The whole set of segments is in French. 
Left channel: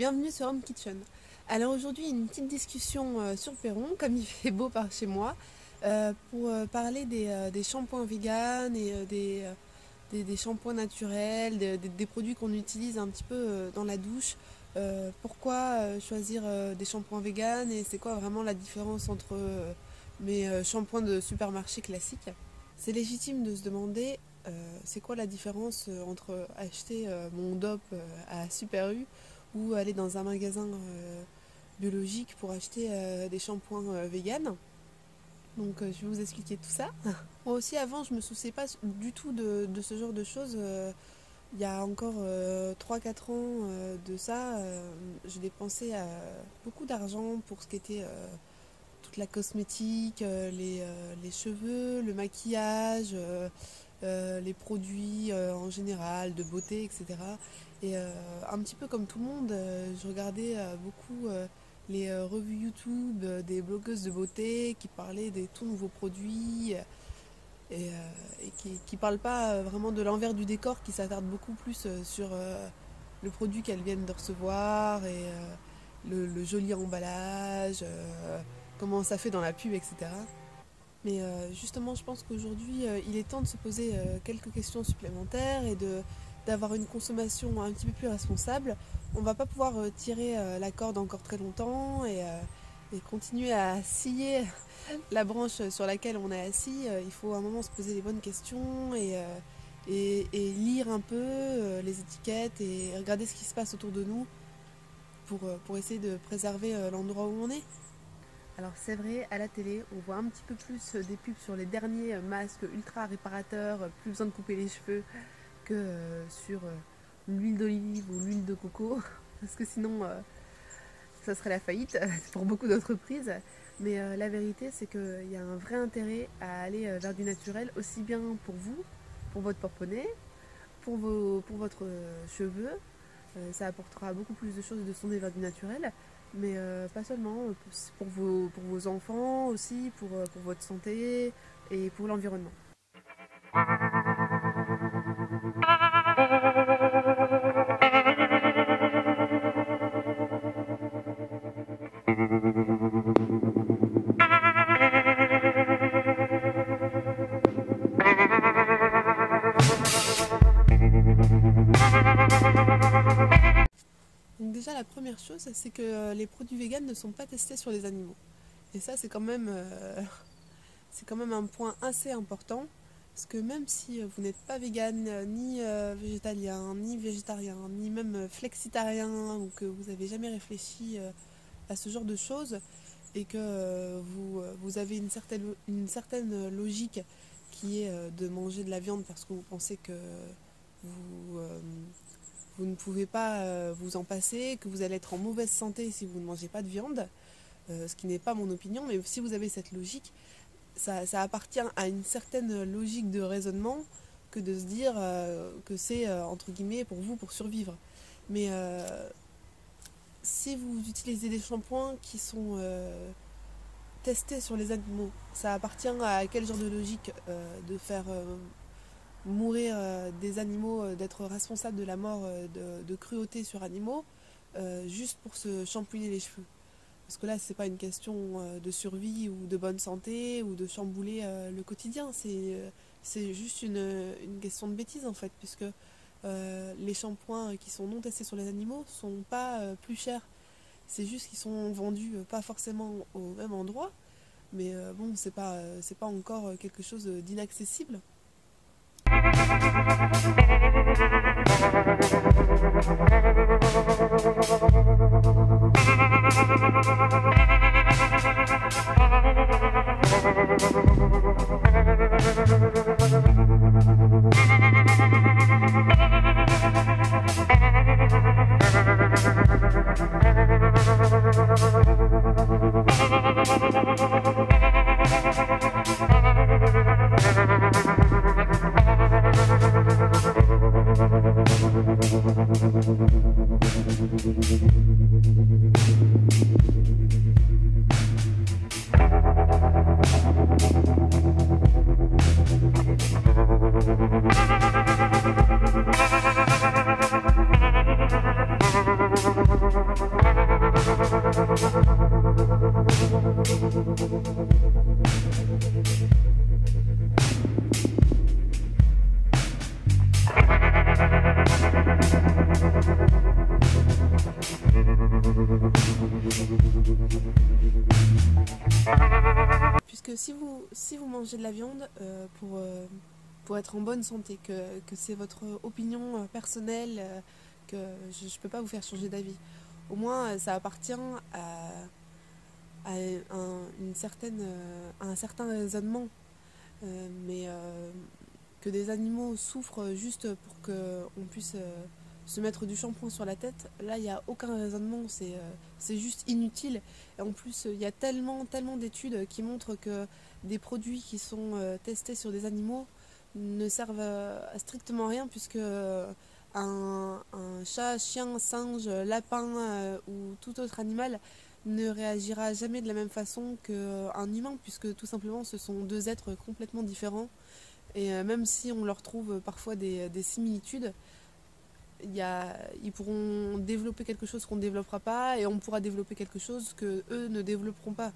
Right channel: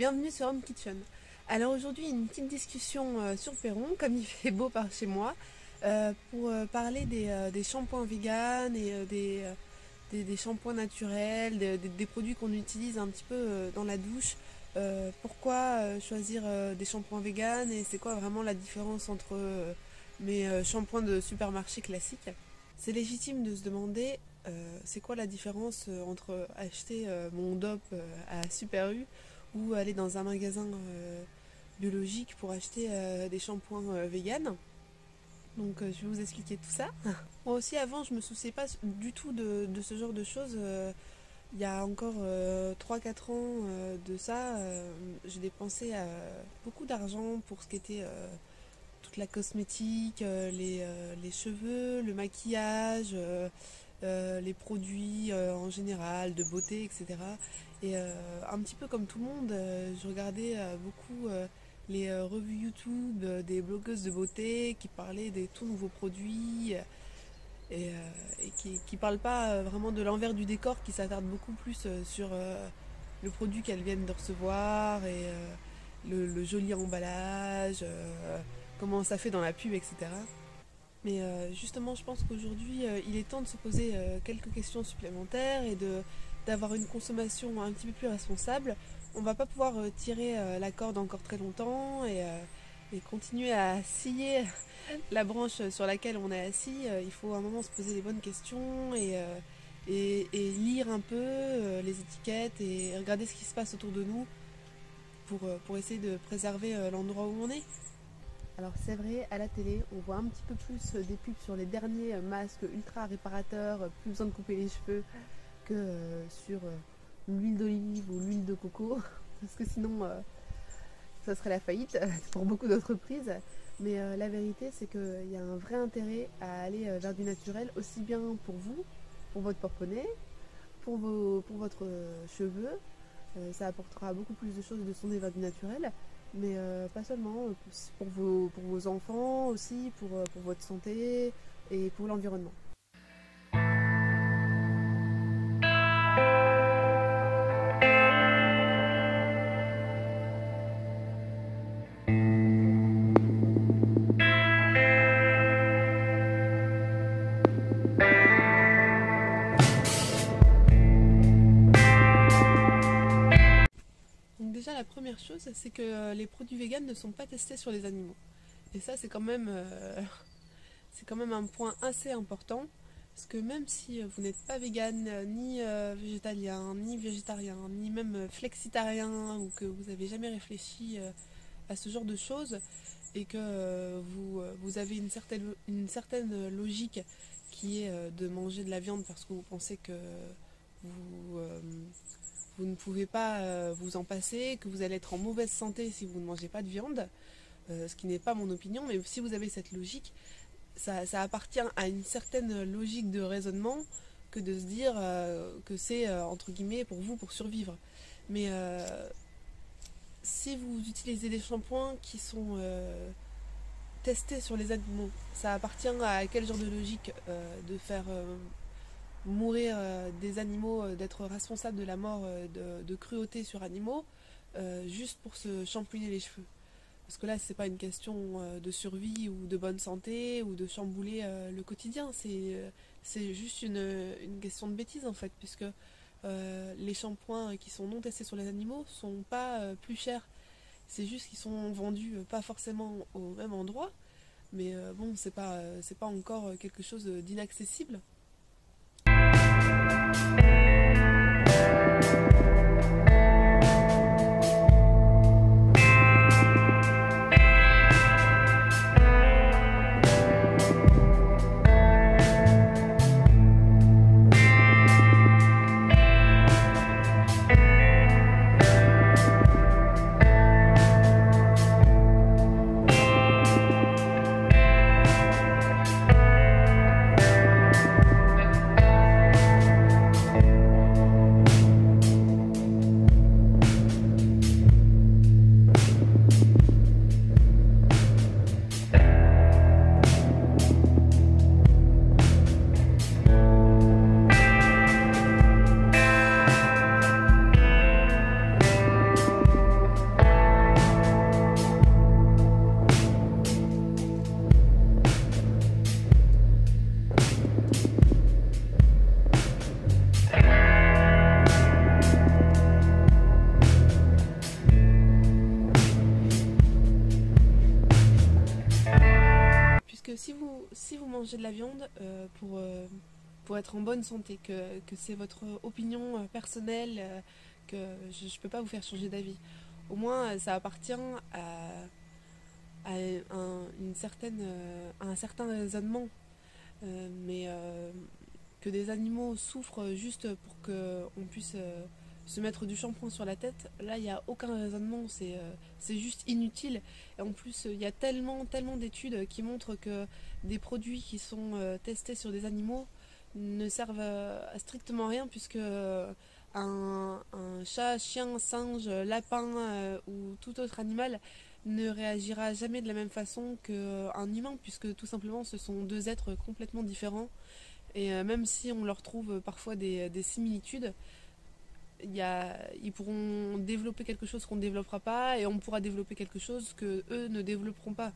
bienvenue sur Home Kitchen. Alors aujourd'hui une petite discussion sur le perron, comme il fait beau par chez moi, pour parler des shampoings vegan et des shampoings naturels, des produits qu'on utilise un petit peu dans la douche. Pourquoi choisir des shampoings vegan et c'est quoi vraiment la différence entre mes shampoings de supermarché classiques? C'est légitime de se demander c'est quoi la différence entre acheter mon DOP à Super U ou aller dans un magasin biologique pour acheter des shampoings vegan. Donc je vais vous expliquer tout ça. Moi aussi avant je me souciais pas du tout de ce genre de choses. Il y a encore 3-4 ans de ça, j'ai dépensé beaucoup d'argent pour ce qui était toute la cosmétique, les cheveux, le maquillage, les produits en général, de beauté, etc. Et un petit peu comme tout le monde, je regardais beaucoup les revues YouTube des blogueuses de beauté qui parlaient des tout nouveaux produits et qui ne parlent pas vraiment de l'envers du décor, qui s'attardent beaucoup plus sur le produit qu'elles viennent de recevoir et le joli emballage, comment ça fait dans la pub, etc. Mais justement, je pense qu'aujourd'hui, il est temps de se poser quelques questions supplémentaires et d'avoir une consommation un petit peu plus responsable. On ne va pas pouvoir tirer la corde encore très longtemps et continuer à scier la branche sur laquelle on est assis. Il faut à un moment se poser les bonnes questions et lire un peu les étiquettes et regarder ce qui se passe autour de nous pour essayer de préserver l'endroit où on est. Alors c'est vrai, à la télé, on voit un petit peu plus des pubs sur les derniers masques ultra réparateurs, plus besoin de couper les cheveux que sur l'huile d'olive ou l'huile de coco, parce que sinon ça serait la faillite pour beaucoup d'entreprises. Mais la vérité c'est qu'il y a un vrai intérêt à aller vers du naturel, aussi bien pour vous, pour votre porte-monnaie, pour votre cheveux. Ça apportera beaucoup plus de choses de se tourner vers du naturel. Mais pas seulement, pour vos enfants aussi, pour votre santé et pour l'environnement. Déjà la première chose, c'est que les produits véganes ne sont pas testés sur les animaux. Et ça c'est quand même un point assez important, parce que même si vous n'êtes pas végane, ni végétalien, ni végétarien, ni même flexitarien, ou que vous n'avez jamais réfléchi à ce genre de choses, et que vous avez une certaine logique qui est de manger de la viande parce que vous pensez que vous ne pouvez pas vous en passer, que vous allez être en mauvaise santé si vous ne mangez pas de viande, ce qui n'est pas mon opinion, mais si vous avez cette logique, ça appartient à une certaine logique de raisonnement que de se dire que c'est entre guillemets pour vous, pour survivre. Mais si vous utilisez des shampoings qui sont testés sur les animaux, ça appartient à quel genre de logique de faire mourir des animaux, d'être responsable de la mort de cruauté sur animaux, juste pour se shampouiner les cheveux. Parce que là, c'est pas une question de survie ou de bonne santé ou de chambouler le quotidien, c'est juste une question de bêtise en fait, puisque les shampoings qui sont non testés sur les animaux sont pas plus chers. C'est juste qu'ils sont vendus pas forcément au même endroit, mais bon, c'est pas encore quelque chose d'inaccessible. manger de la viande pour être en bonne santé, que c'est votre opinion personnelle, que je ne peux pas vous faire changer d'avis. Au moins, ça appartient à un certain raisonnement. Mais que des animaux souffrent juste pour qu'on puisse se mettre du shampoing sur la tête, là il n'y a aucun raisonnement, c'est juste inutile. Et en plus il y a tellement d'études qui montrent que des produits qui sont testés sur des animaux ne servent à strictement rien, puisque un chat, chien, singe, lapin ou tout autre animal ne réagira jamais de la même façon qu'un humain, puisque tout simplement ce sont deux êtres complètement différents. Et même si on leur trouve parfois des similitudes, ils pourront développer quelque chose qu'on ne développera pas, et on pourra développer quelque chose que eux ne développeront pas.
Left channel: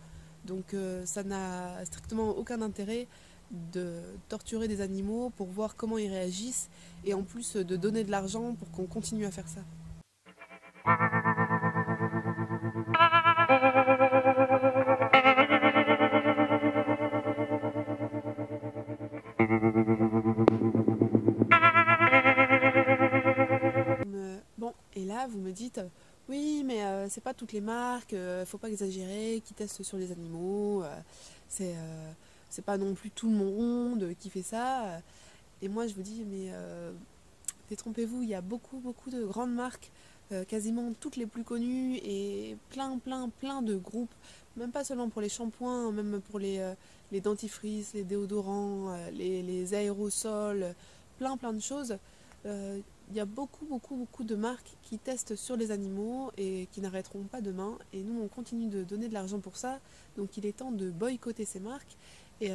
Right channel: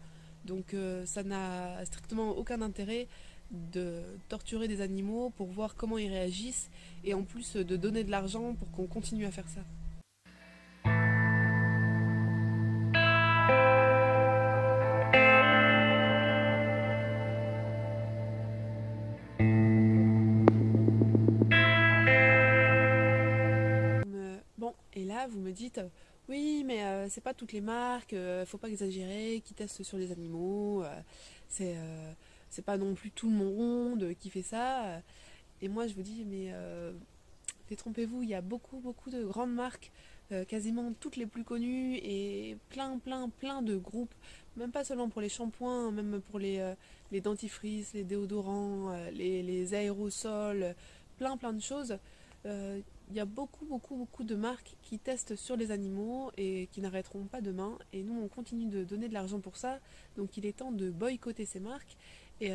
Donc ça n'a strictement aucun intérêt de torturer des animaux pour voir comment ils réagissent, et en plus de donner de l'argent pour qu'on continue à faire ça. Bon, et là vous me dites, oui mais c'est pas toutes les marques, faut pas exagérer, qui testent sur les animaux, c'est pas non plus tout le monde qui fait ça. Et moi je vous dis, mais détrompez-vous, il y a beaucoup de grandes marques, quasiment toutes les plus connues, et plein de groupes, même pas seulement pour les shampoings, même pour les dentifrices, les déodorants, les aérosols, plein de choses. Il y a beaucoup de marques qui testent sur les animaux et qui n'arrêteront pas demain, et nous on continue de donner de l'argent pour ça, donc il est temps de boycotter ces marques. Et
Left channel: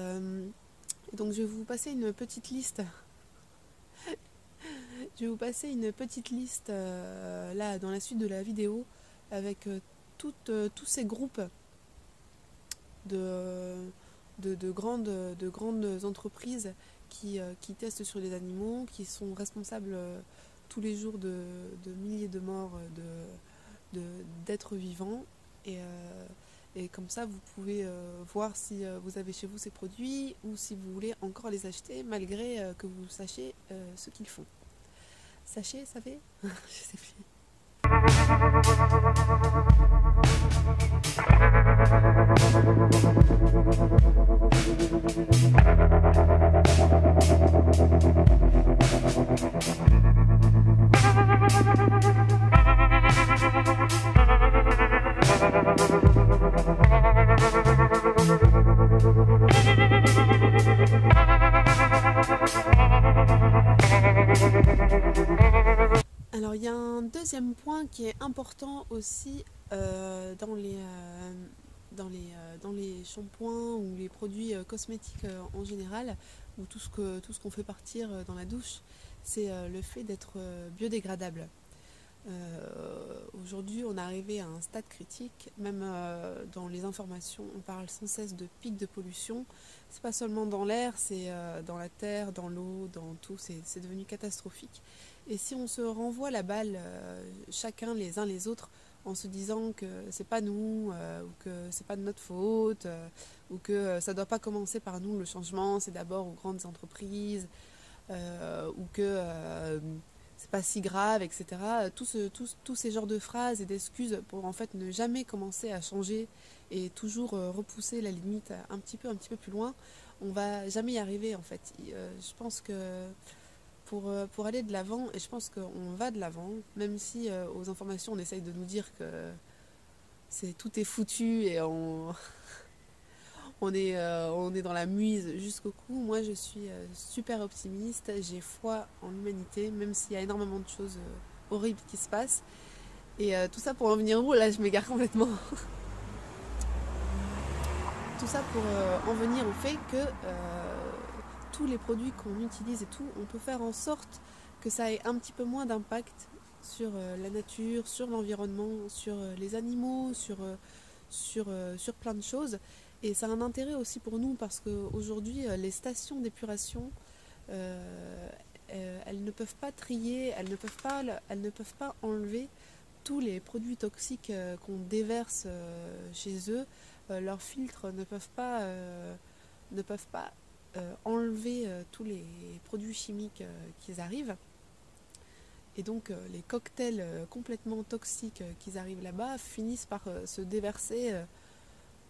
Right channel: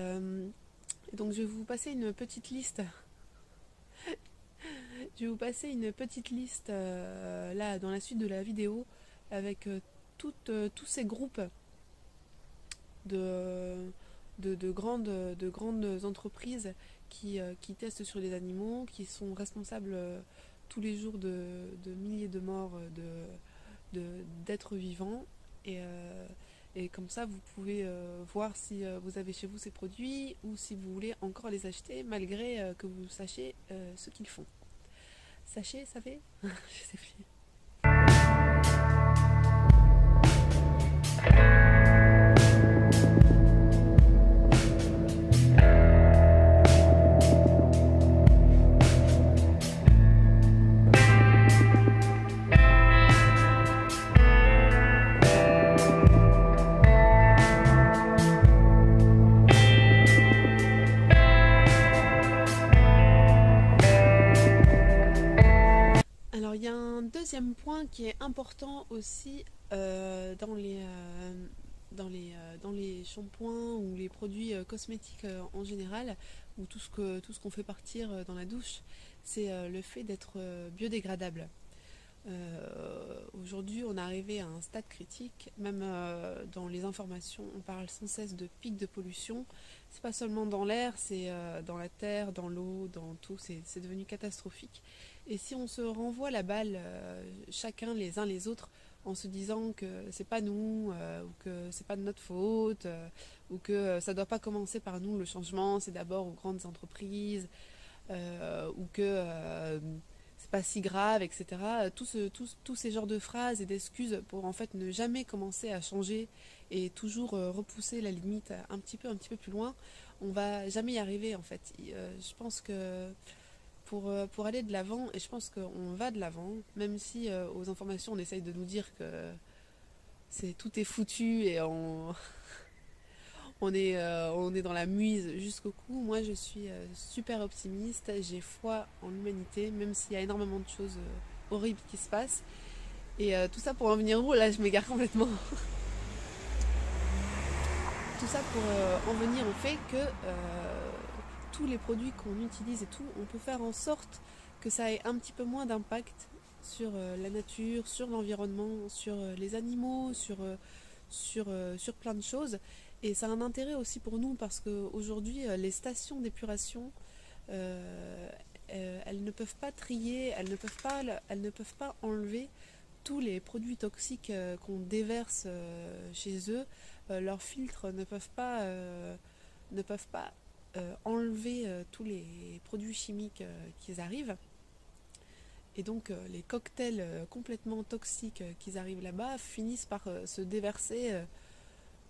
donc je vais vous passer une petite liste. Je vais vous passer une petite liste là dans la suite de la vidéo, avec tous ces groupes de grandes entreprises qui testent sur les animaux, qui sont responsables tous les jours de milliers de morts d'êtres vivants. Et comme ça, vous pouvez voir si vous avez chez vous ces produits, ou si vous voulez encore les acheter, malgré que vous sachiez ce qu'ils font. Sachez, savez je sais plus. Alors il y a un deuxième point qui est important aussi dans les shampoings ou les produits cosmétiques en général, ou tout ce qu'on fait partir dans la douche, c'est le fait d'être biodégradable. Aujourd'hui on est arrivé à un stade critique, même dans les informations on parle sans cesse de pics de pollution. C'est pas seulement dans l'air, c'est dans la terre, dans l'eau, dans tout, c'est devenu catastrophique. Et si on se renvoie la balle chacun les uns les autres, en se disant que c'est pas nous, ou que c'est pas de notre faute, ou que ça doit pas commencer par nous, le changement c'est d'abord aux grandes entreprises, ou que c'est pas si grave, etc. Tous ces genres de phrases et d'excuses pour en fait ne jamais commencer à changer, et toujours repousser la limite un petit peu plus loin, on va jamais y arriver en fait. Je pense que pour aller de l'avant, et je pense qu'on va de l'avant, même si aux informations on essaye de nous dire que tout est foutu et on est dans la muise jusqu'au cou. Moi je suis super optimiste, j'ai foi en l'humanité, même s'il y a énormément de choses horribles qui se passent. Et tout ça pour en venir où? Là je m'égare complètement. Tout ça pour en venir au fait que tous les produits qu'on utilise et tout, on peut faire en sorte que ça ait un petit peu moins d'impact sur la nature, sur l'environnement, sur les animaux, sur plein de choses. Et ça a un intérêt aussi pour nous, parce qu'aujourd'hui les stations d'épuration, elles ne peuvent pas trier, elles ne peuvent pas enlever tous les produits toxiques qu'on déverse chez eux. Leurs filtres ne peuvent pas enlever tous les produits chimiques qui arrivent. Et donc les cocktails complètement toxiques qui arrivent là-bas finissent par se déverser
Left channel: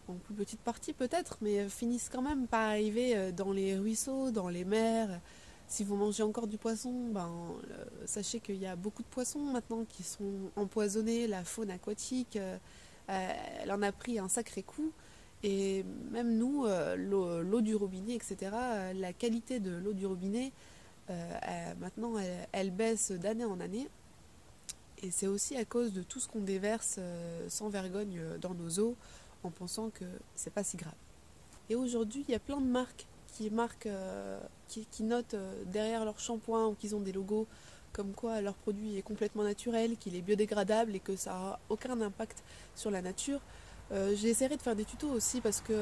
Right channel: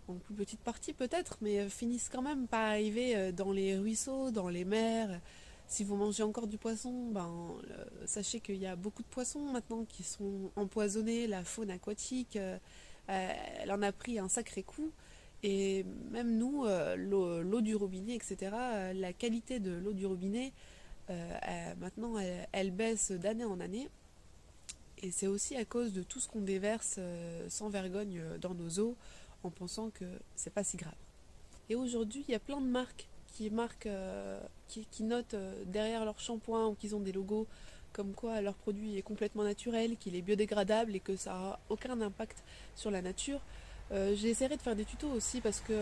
en plus petite partie peut-être, mais finissent quand même par arriver dans les ruisseaux, dans les mers. Si vous mangez encore du poisson, sachez qu'il y a beaucoup de poissons maintenant qui sont empoisonnés. La faune aquatique, elle en a pris un sacré coup. Et même nous, l'eau du robinet, etc., la qualité de l'eau du robinet, maintenant, elle baisse d'année en année. Et c'est aussi à cause de tout ce qu'on déverse sans vergogne dans nos eaux, en pensant que c'est pas si grave. Et aujourd'hui, il y a plein de marques qui notent derrière leur shampoing ou qu'ils ont des logos comme quoi leur produit est complètement naturel, qu'il est biodégradable et que ça n'a aucun impact sur la nature. J'essaierai de faire des tutos aussi parce que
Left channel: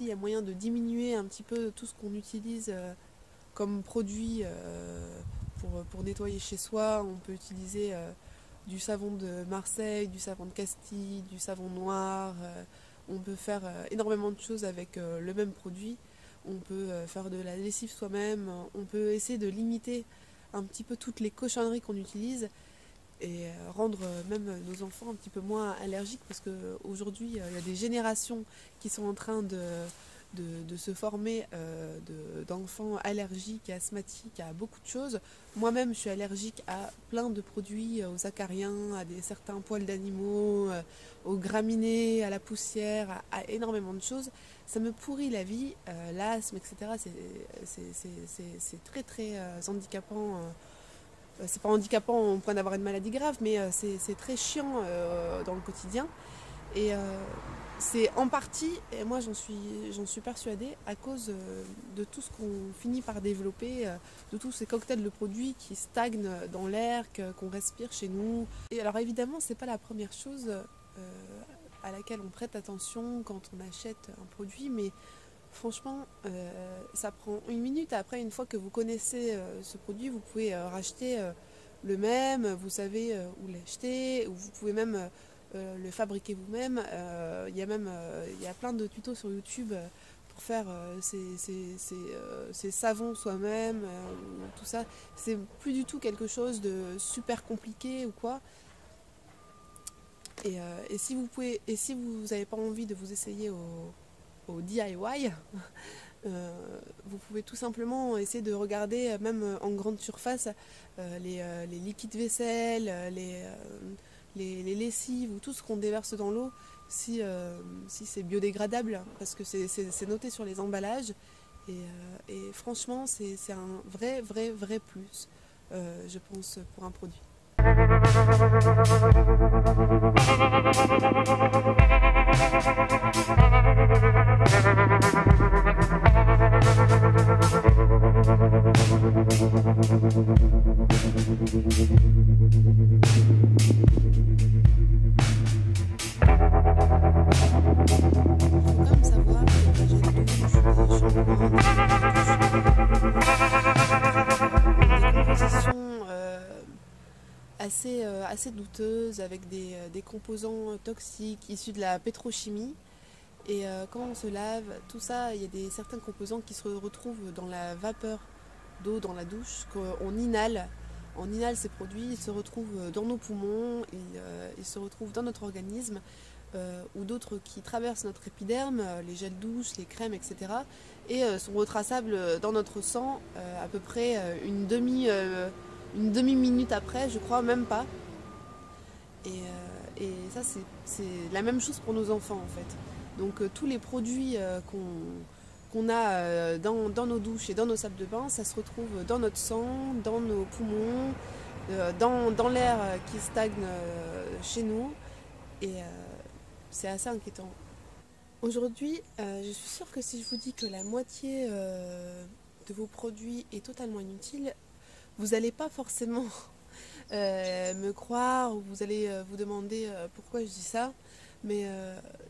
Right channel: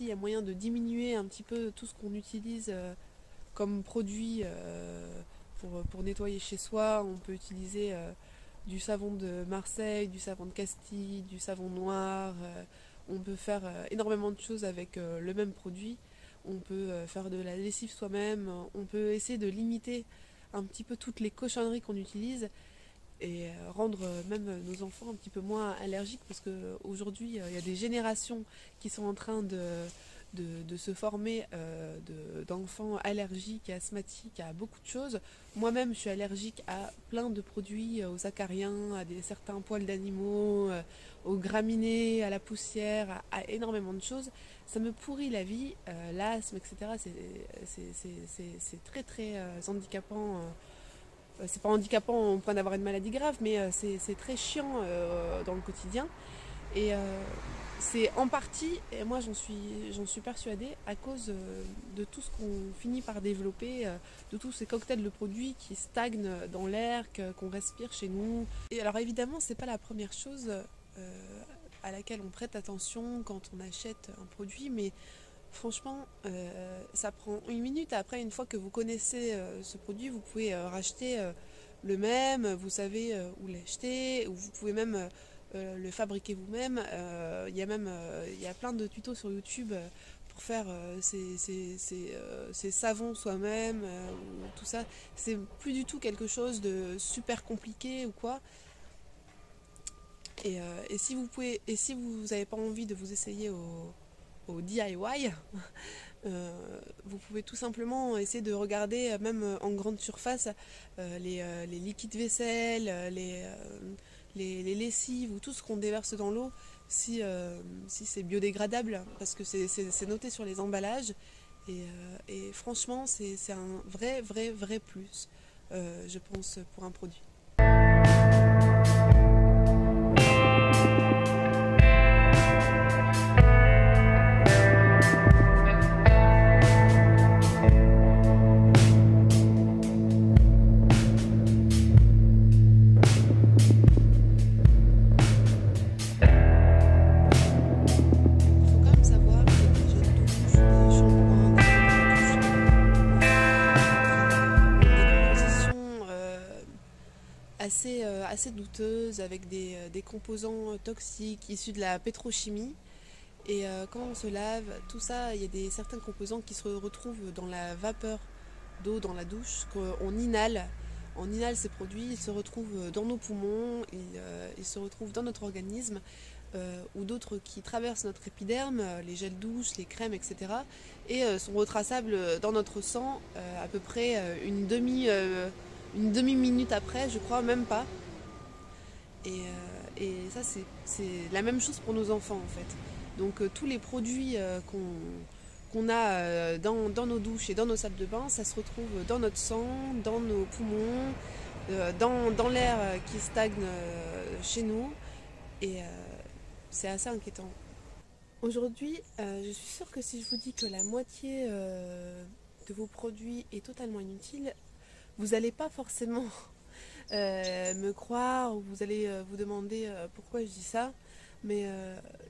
il y a moyen de diminuer un petit peu tout ce qu'on utilise comme produit pour nettoyer chez soi. On peut utiliser du savon de Marseille, du savon de Castille, du savon noir. On peut faire énormément de choses avec le même produit. On peut faire de la lessive soi-même. On peut essayer de limiter un petit peu toutes les cochonneries qu'on utilise et rendre même nos enfants un petit peu moins allergiques, parce qu'aujourd'hui il y a des générations qui sont en train de se former d'enfants allergiques et asthmatiques à beaucoup de choses. Moi-même je suis allergique à plein de produits, aux acariens, à certains poils d'animaux, aux graminées, à la poussière, à énormément de choses. Ça me pourrit la vie, l'asthme, etc. C'est très très handicapant. C'est pas handicapant au point d'avoir une maladie grave, mais c'est très chiant dans le quotidien. Et c'est en partie, et moi j'en suis persuadée, à cause de tout ce qu'on finit par développer, de tous ces cocktails de produits qui stagnent dans l'air, qu'on respire chez nous. Et alors évidemment, c'est pas la première chose à laquelle on prête attention quand on achète un produit, mais franchement, ça prend une minute. Après, une fois que vous connaissez ce produit, vous pouvez racheter le même, vous savez où l'acheter, vous pouvez même le fabriquer vous-même. Il y a plein de tutos sur YouTube pour faire ces savons soi-même, tout ça. C'est plus du tout quelque chose de super compliqué ou quoi. Et si vous n'avez pas envie de vous essayer au DIY, vous pouvez tout simplement essayer de regarder, même en grande surface, les liquides vaisselle, les lessives ou tout ce qu'on déverse dans l'eau, si c'est biodégradable, parce que c'est noté sur les emballages. Et franchement, c'est un vrai plus, je pense, pour un produit. Assez douteuse, avec des composants toxiques issus de la pétrochimie. Et quand on se lave, tout ça, il y a certains composants qui se retrouvent dans la vapeur d'eau dans la douche, qu'on inhale. On inhale ces produits, ils se retrouvent dans nos poumons, ils se retrouvent dans notre organisme, ou d'autres qui traversent notre épiderme, les gels douche, les crèmes, etc. et sont retraçables dans notre sang à peu près une demi-minute après, je crois, même pas. Et ça, c'est la même chose pour nos enfants, en fait. Donc tous les produits qu'on a dans nos douches et dans nos salles de bain, ça se retrouve dans notre sang, dans nos poumons, dans l'air qui stagne chez nous. Et c'est assez inquiétant. Aujourd'hui, je suis sûre que si je vous dis que la moitié de vos produits est totalement inutile, vous n'allez pas forcément me croire, ou vous allez vous demander pourquoi je dis ça, mais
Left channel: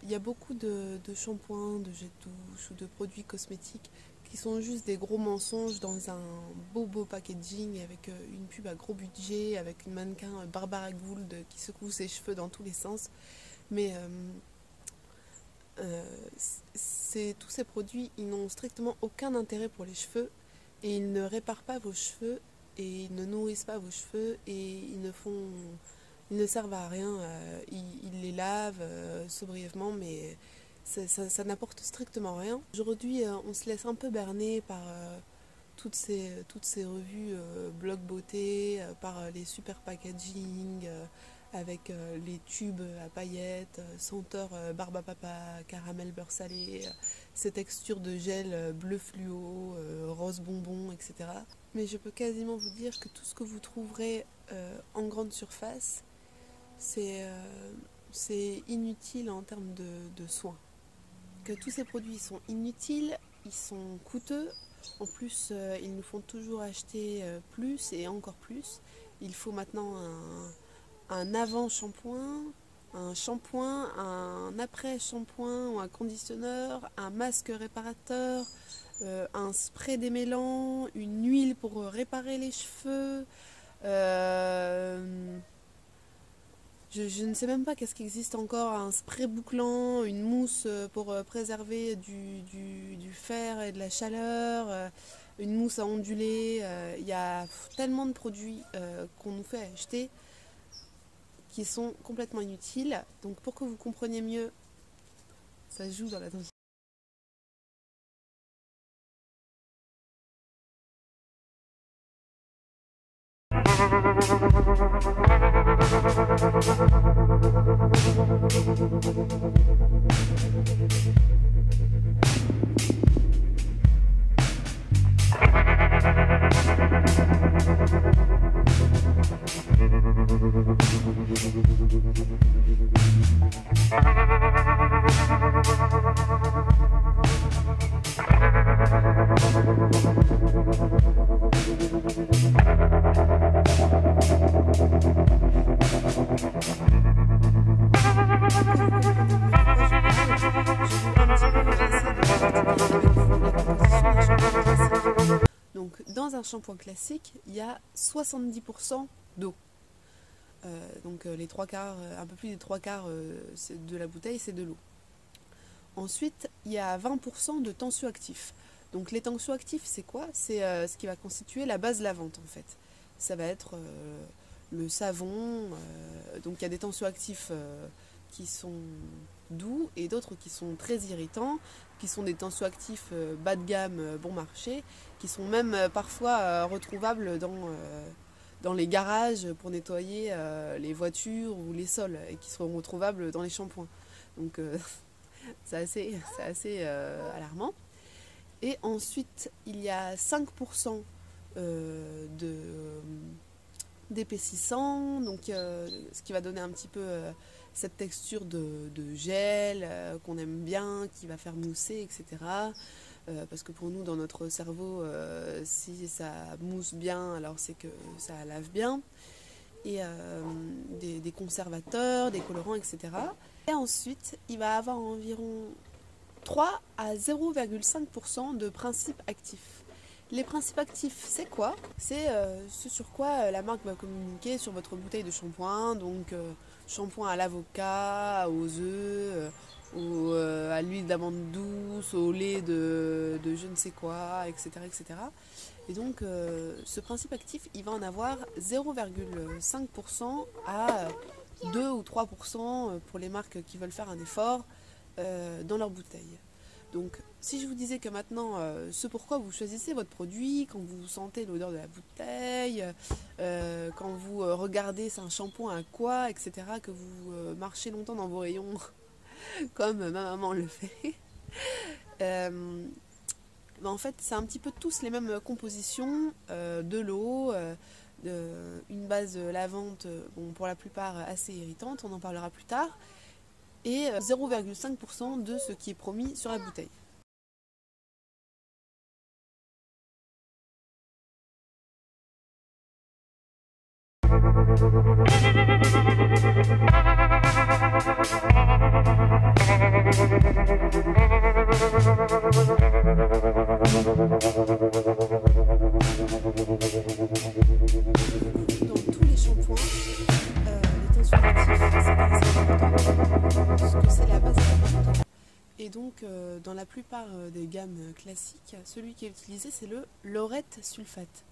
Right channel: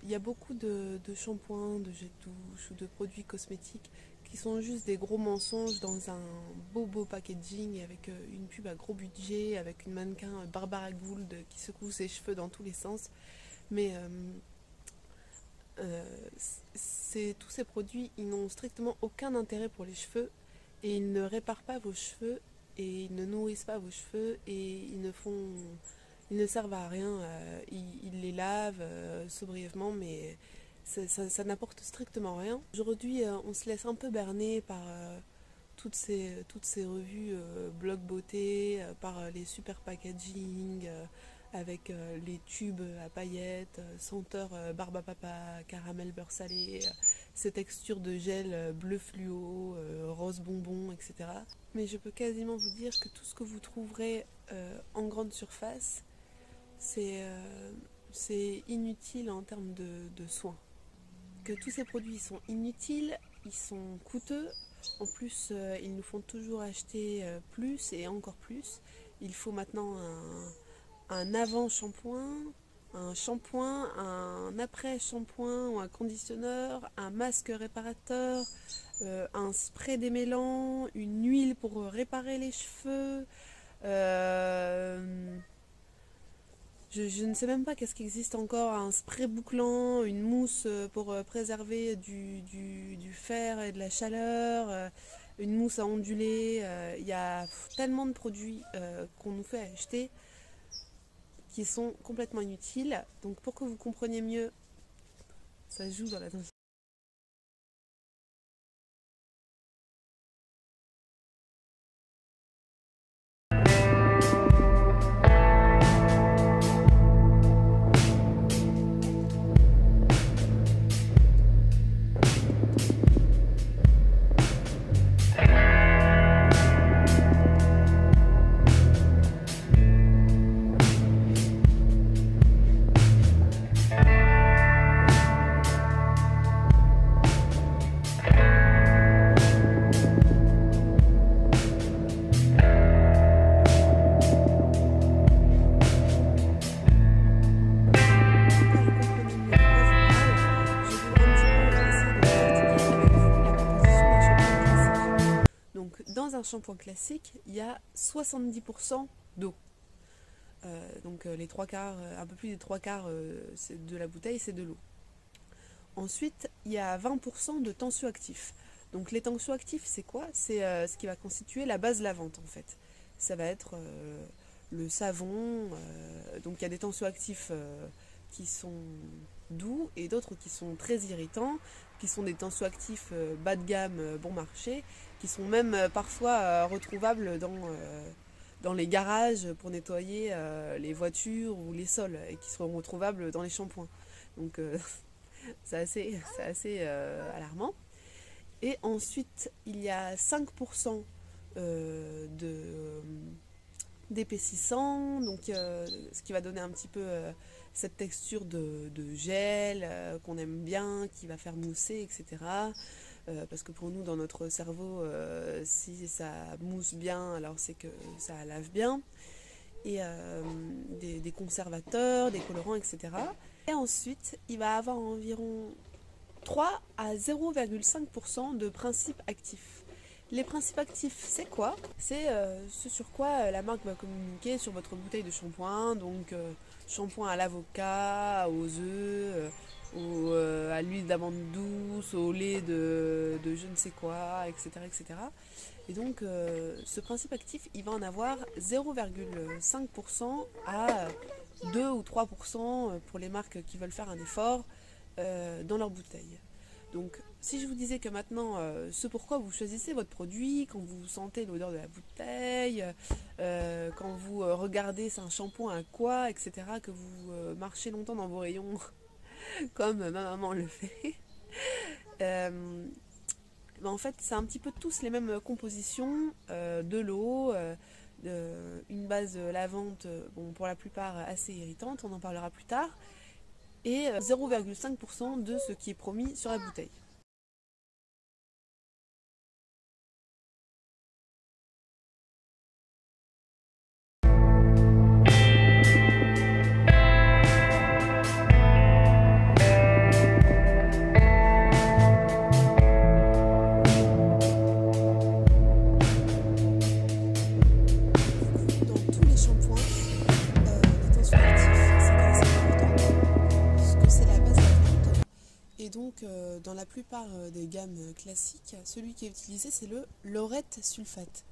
il y a beaucoup de shampoings, de jets de douche ou de produits cosmétiques qui sont juste des gros mensonges dans un beau packaging avec une pub à gros budget, avec une mannequin Barbara Gould qui secoue ses cheveux dans tous les sens. Mais tous ces produits, ils n'ont strictement aucun intérêt pour les cheveux et ils ne réparent pas vos cheveux et ils ne nourrissent pas vos cheveux et ils ne servent à rien. Ils les lavent brièvement, mais ça n'apporte strictement rien. Aujourd'hui, on se laisse un peu berner par toutes ces revues blog beauté, par les super packaging, avec les tubes à paillettes, senteur barbe à papa, caramel beurre salé, ces textures de gel bleu fluo, rose bonbon, etc. Mais je peux quasiment vous dire que tout ce que vous trouverez en grande surface, c'est inutile en termes de soins. Que tous ces produits sont inutiles, ils sont coûteux, en plus ils nous font toujours acheter plus et encore plus. Il faut maintenant un avant-shampoing, un shampoing, un après-shampoing, un conditionneur, un masque réparateur, un spray démêlant, une huile pour réparer les cheveux. Je ne sais même pas qu'est-ce qui existe encore, un spray bouclant, une mousse pour préserver du fer et de la chaleur, une mousse à onduler. Il y a tellement de produits qu'on nous fait acheter qui sont complètement inutiles. Donc pour que vous compreniez mieux, ça joue dans la dose. Dans un shampoing classique, il y a 70% d'eau. Donc les trois quarts, un peu plus des trois quarts de la bouteille, c'est de l'eau. Ensuite, il y a 20% de tensioactifs. Donc les tensioactifs, c'est quoi? C'est ce qui va constituer la base lavante en fait. Ça va être le savon. Donc il y a des tensioactifs qui sont doux et d'autres qui sont très irritants, qui sont des tensioactifs bas de gamme, bon marché, qui sont même parfois retrouvables dans les garages pour nettoyer les voitures ou les sols et qui sont retrouvables dans les shampoings. Donc c'est assez alarmant. Et ensuite, il y a 5% d'épaississant, donc ce qui va donner un petit peu cette texture de gel qu'on aime bien, qui va faire mousser, etc. Parce que pour nous, dans notre cerveau, si ça mousse bien, alors c'est que ça lave bien. Et des conservateurs, des colorants, etc. Et ensuite, il va avoir environ 3 à 0,5% de principes actifs. Les principes actifs, c'est quoi? C'est ce sur quoi la marque va communiquer sur votre bouteille de shampoing. Donc, shampoing à l'avocat, aux œufs, ou à l'huile d'amande douce, au lait de je ne sais quoi, etc. etc. Et donc, ce principe actif, il va en avoir 0,5% à 2 ou 3% pour les marques qui veulent faire un effort dans leur bouteille. Donc, si je vous disais que maintenant, ce pourquoi vous choisissez votre produit, quand vous sentez l'odeur de la bouteille, quand vous regardez c'est un shampoing à quoi, etc., que vous marchez longtemps dans vos rayons, comme ma maman le fait, en fait, c'est un petit peu tous les mêmes compositions, de l'eau, une base lavante, bon, pour la plupart assez irritante, on en parlera plus tard, et 0,5% de ce qui est promis sur la bouteille. Dans la plupart des gammes classiques, celui qui est utilisé c'est le laurette sulfate.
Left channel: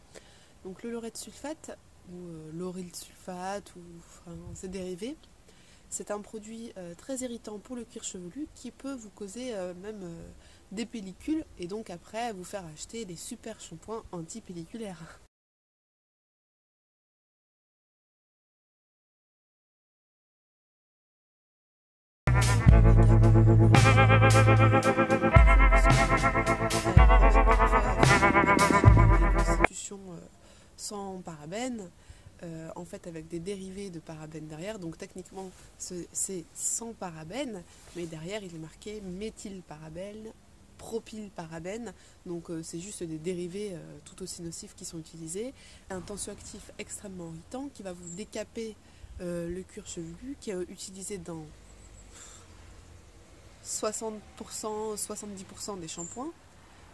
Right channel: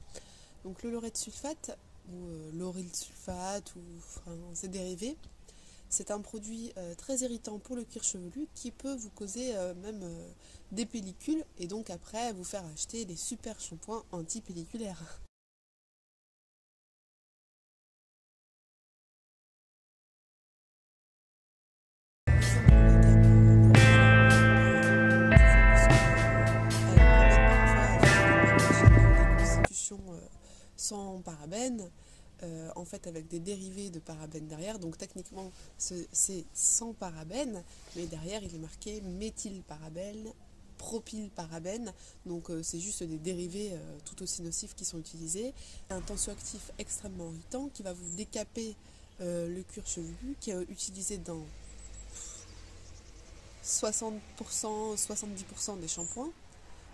Donc le laurette sulfate, ou lauryl sulfate, ou ses dérivés, c'est un produit très irritant pour le cuir chevelu qui peut vous causer même des pellicules et donc après vous faire acheter des super shampoings anti-pelliculaires. Sans parabènes, en fait avec des dérivés de parabènes derrière, donc techniquement c'est sans parabènes, mais derrière il est marqué méthylparabène, propylparabène, donc c'est juste des dérivés tout aussi nocifs qui sont utilisés. Un tensioactif extrêmement irritant qui va vous décaper le cuir chevelu, qui est utilisé dans 60%, 70% des shampoings.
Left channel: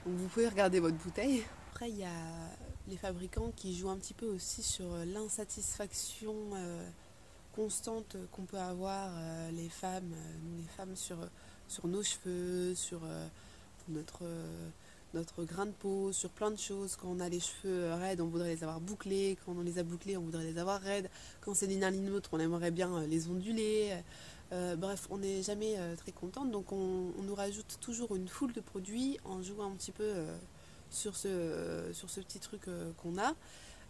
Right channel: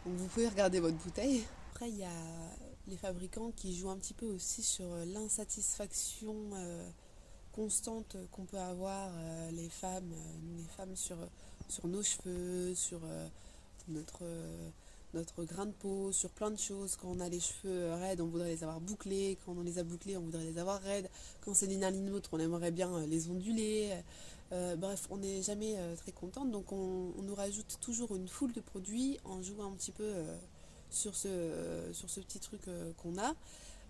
Donc vous pouvez regarder votre bouteille. Après il y a les fabricants qui jouent un petit peu aussi sur l'insatisfaction constante qu'on peut avoir les femmes sur nos cheveux, sur notre grain de peau, sur plein de choses. Quand on a les cheveux raides, on voudrait les avoir bouclés. Quand on les a bouclés, on voudrait les avoir raides. Quand c'est l'un l'une l'autre, on aimerait bien les onduler. Bref, on n'est jamais très contente, donc on nous rajoute toujours une foule de produits en jouant un petit peu sur ce petit truc qu'on a.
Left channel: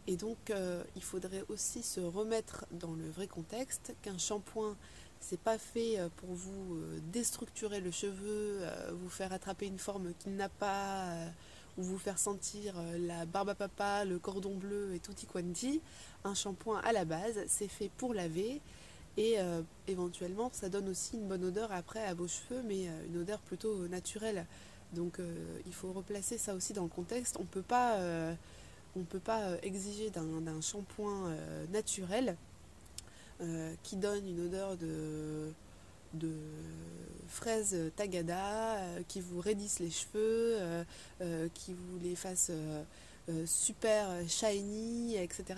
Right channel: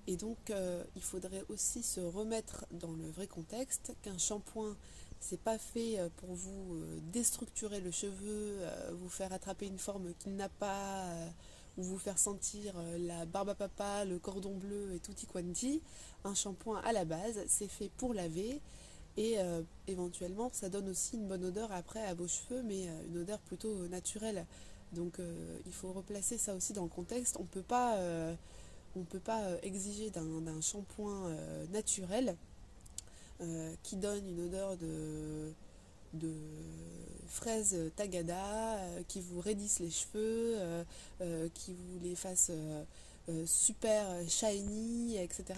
Et donc il faudrait aussi se remettre dans le vrai contexte qu'un shampoing c'est pas fait pour vous déstructurer le cheveu, vous faire attraper une forme qu'il n'a pas, ou vous faire sentir la barbe à papa, le cordon bleu et tutti quanti. Un shampoing à la base c'est fait pour laver et éventuellement ça donne aussi une bonne odeur après à vos cheveux, mais une odeur plutôt naturelle. Donc il faut replacer ça aussi dans le contexte. On ne peut pas exiger d'un shampoing naturel qui donne une odeur de fraise tagada, qui vous raidisse les cheveux, qui vous les fasse super shiny, etc.,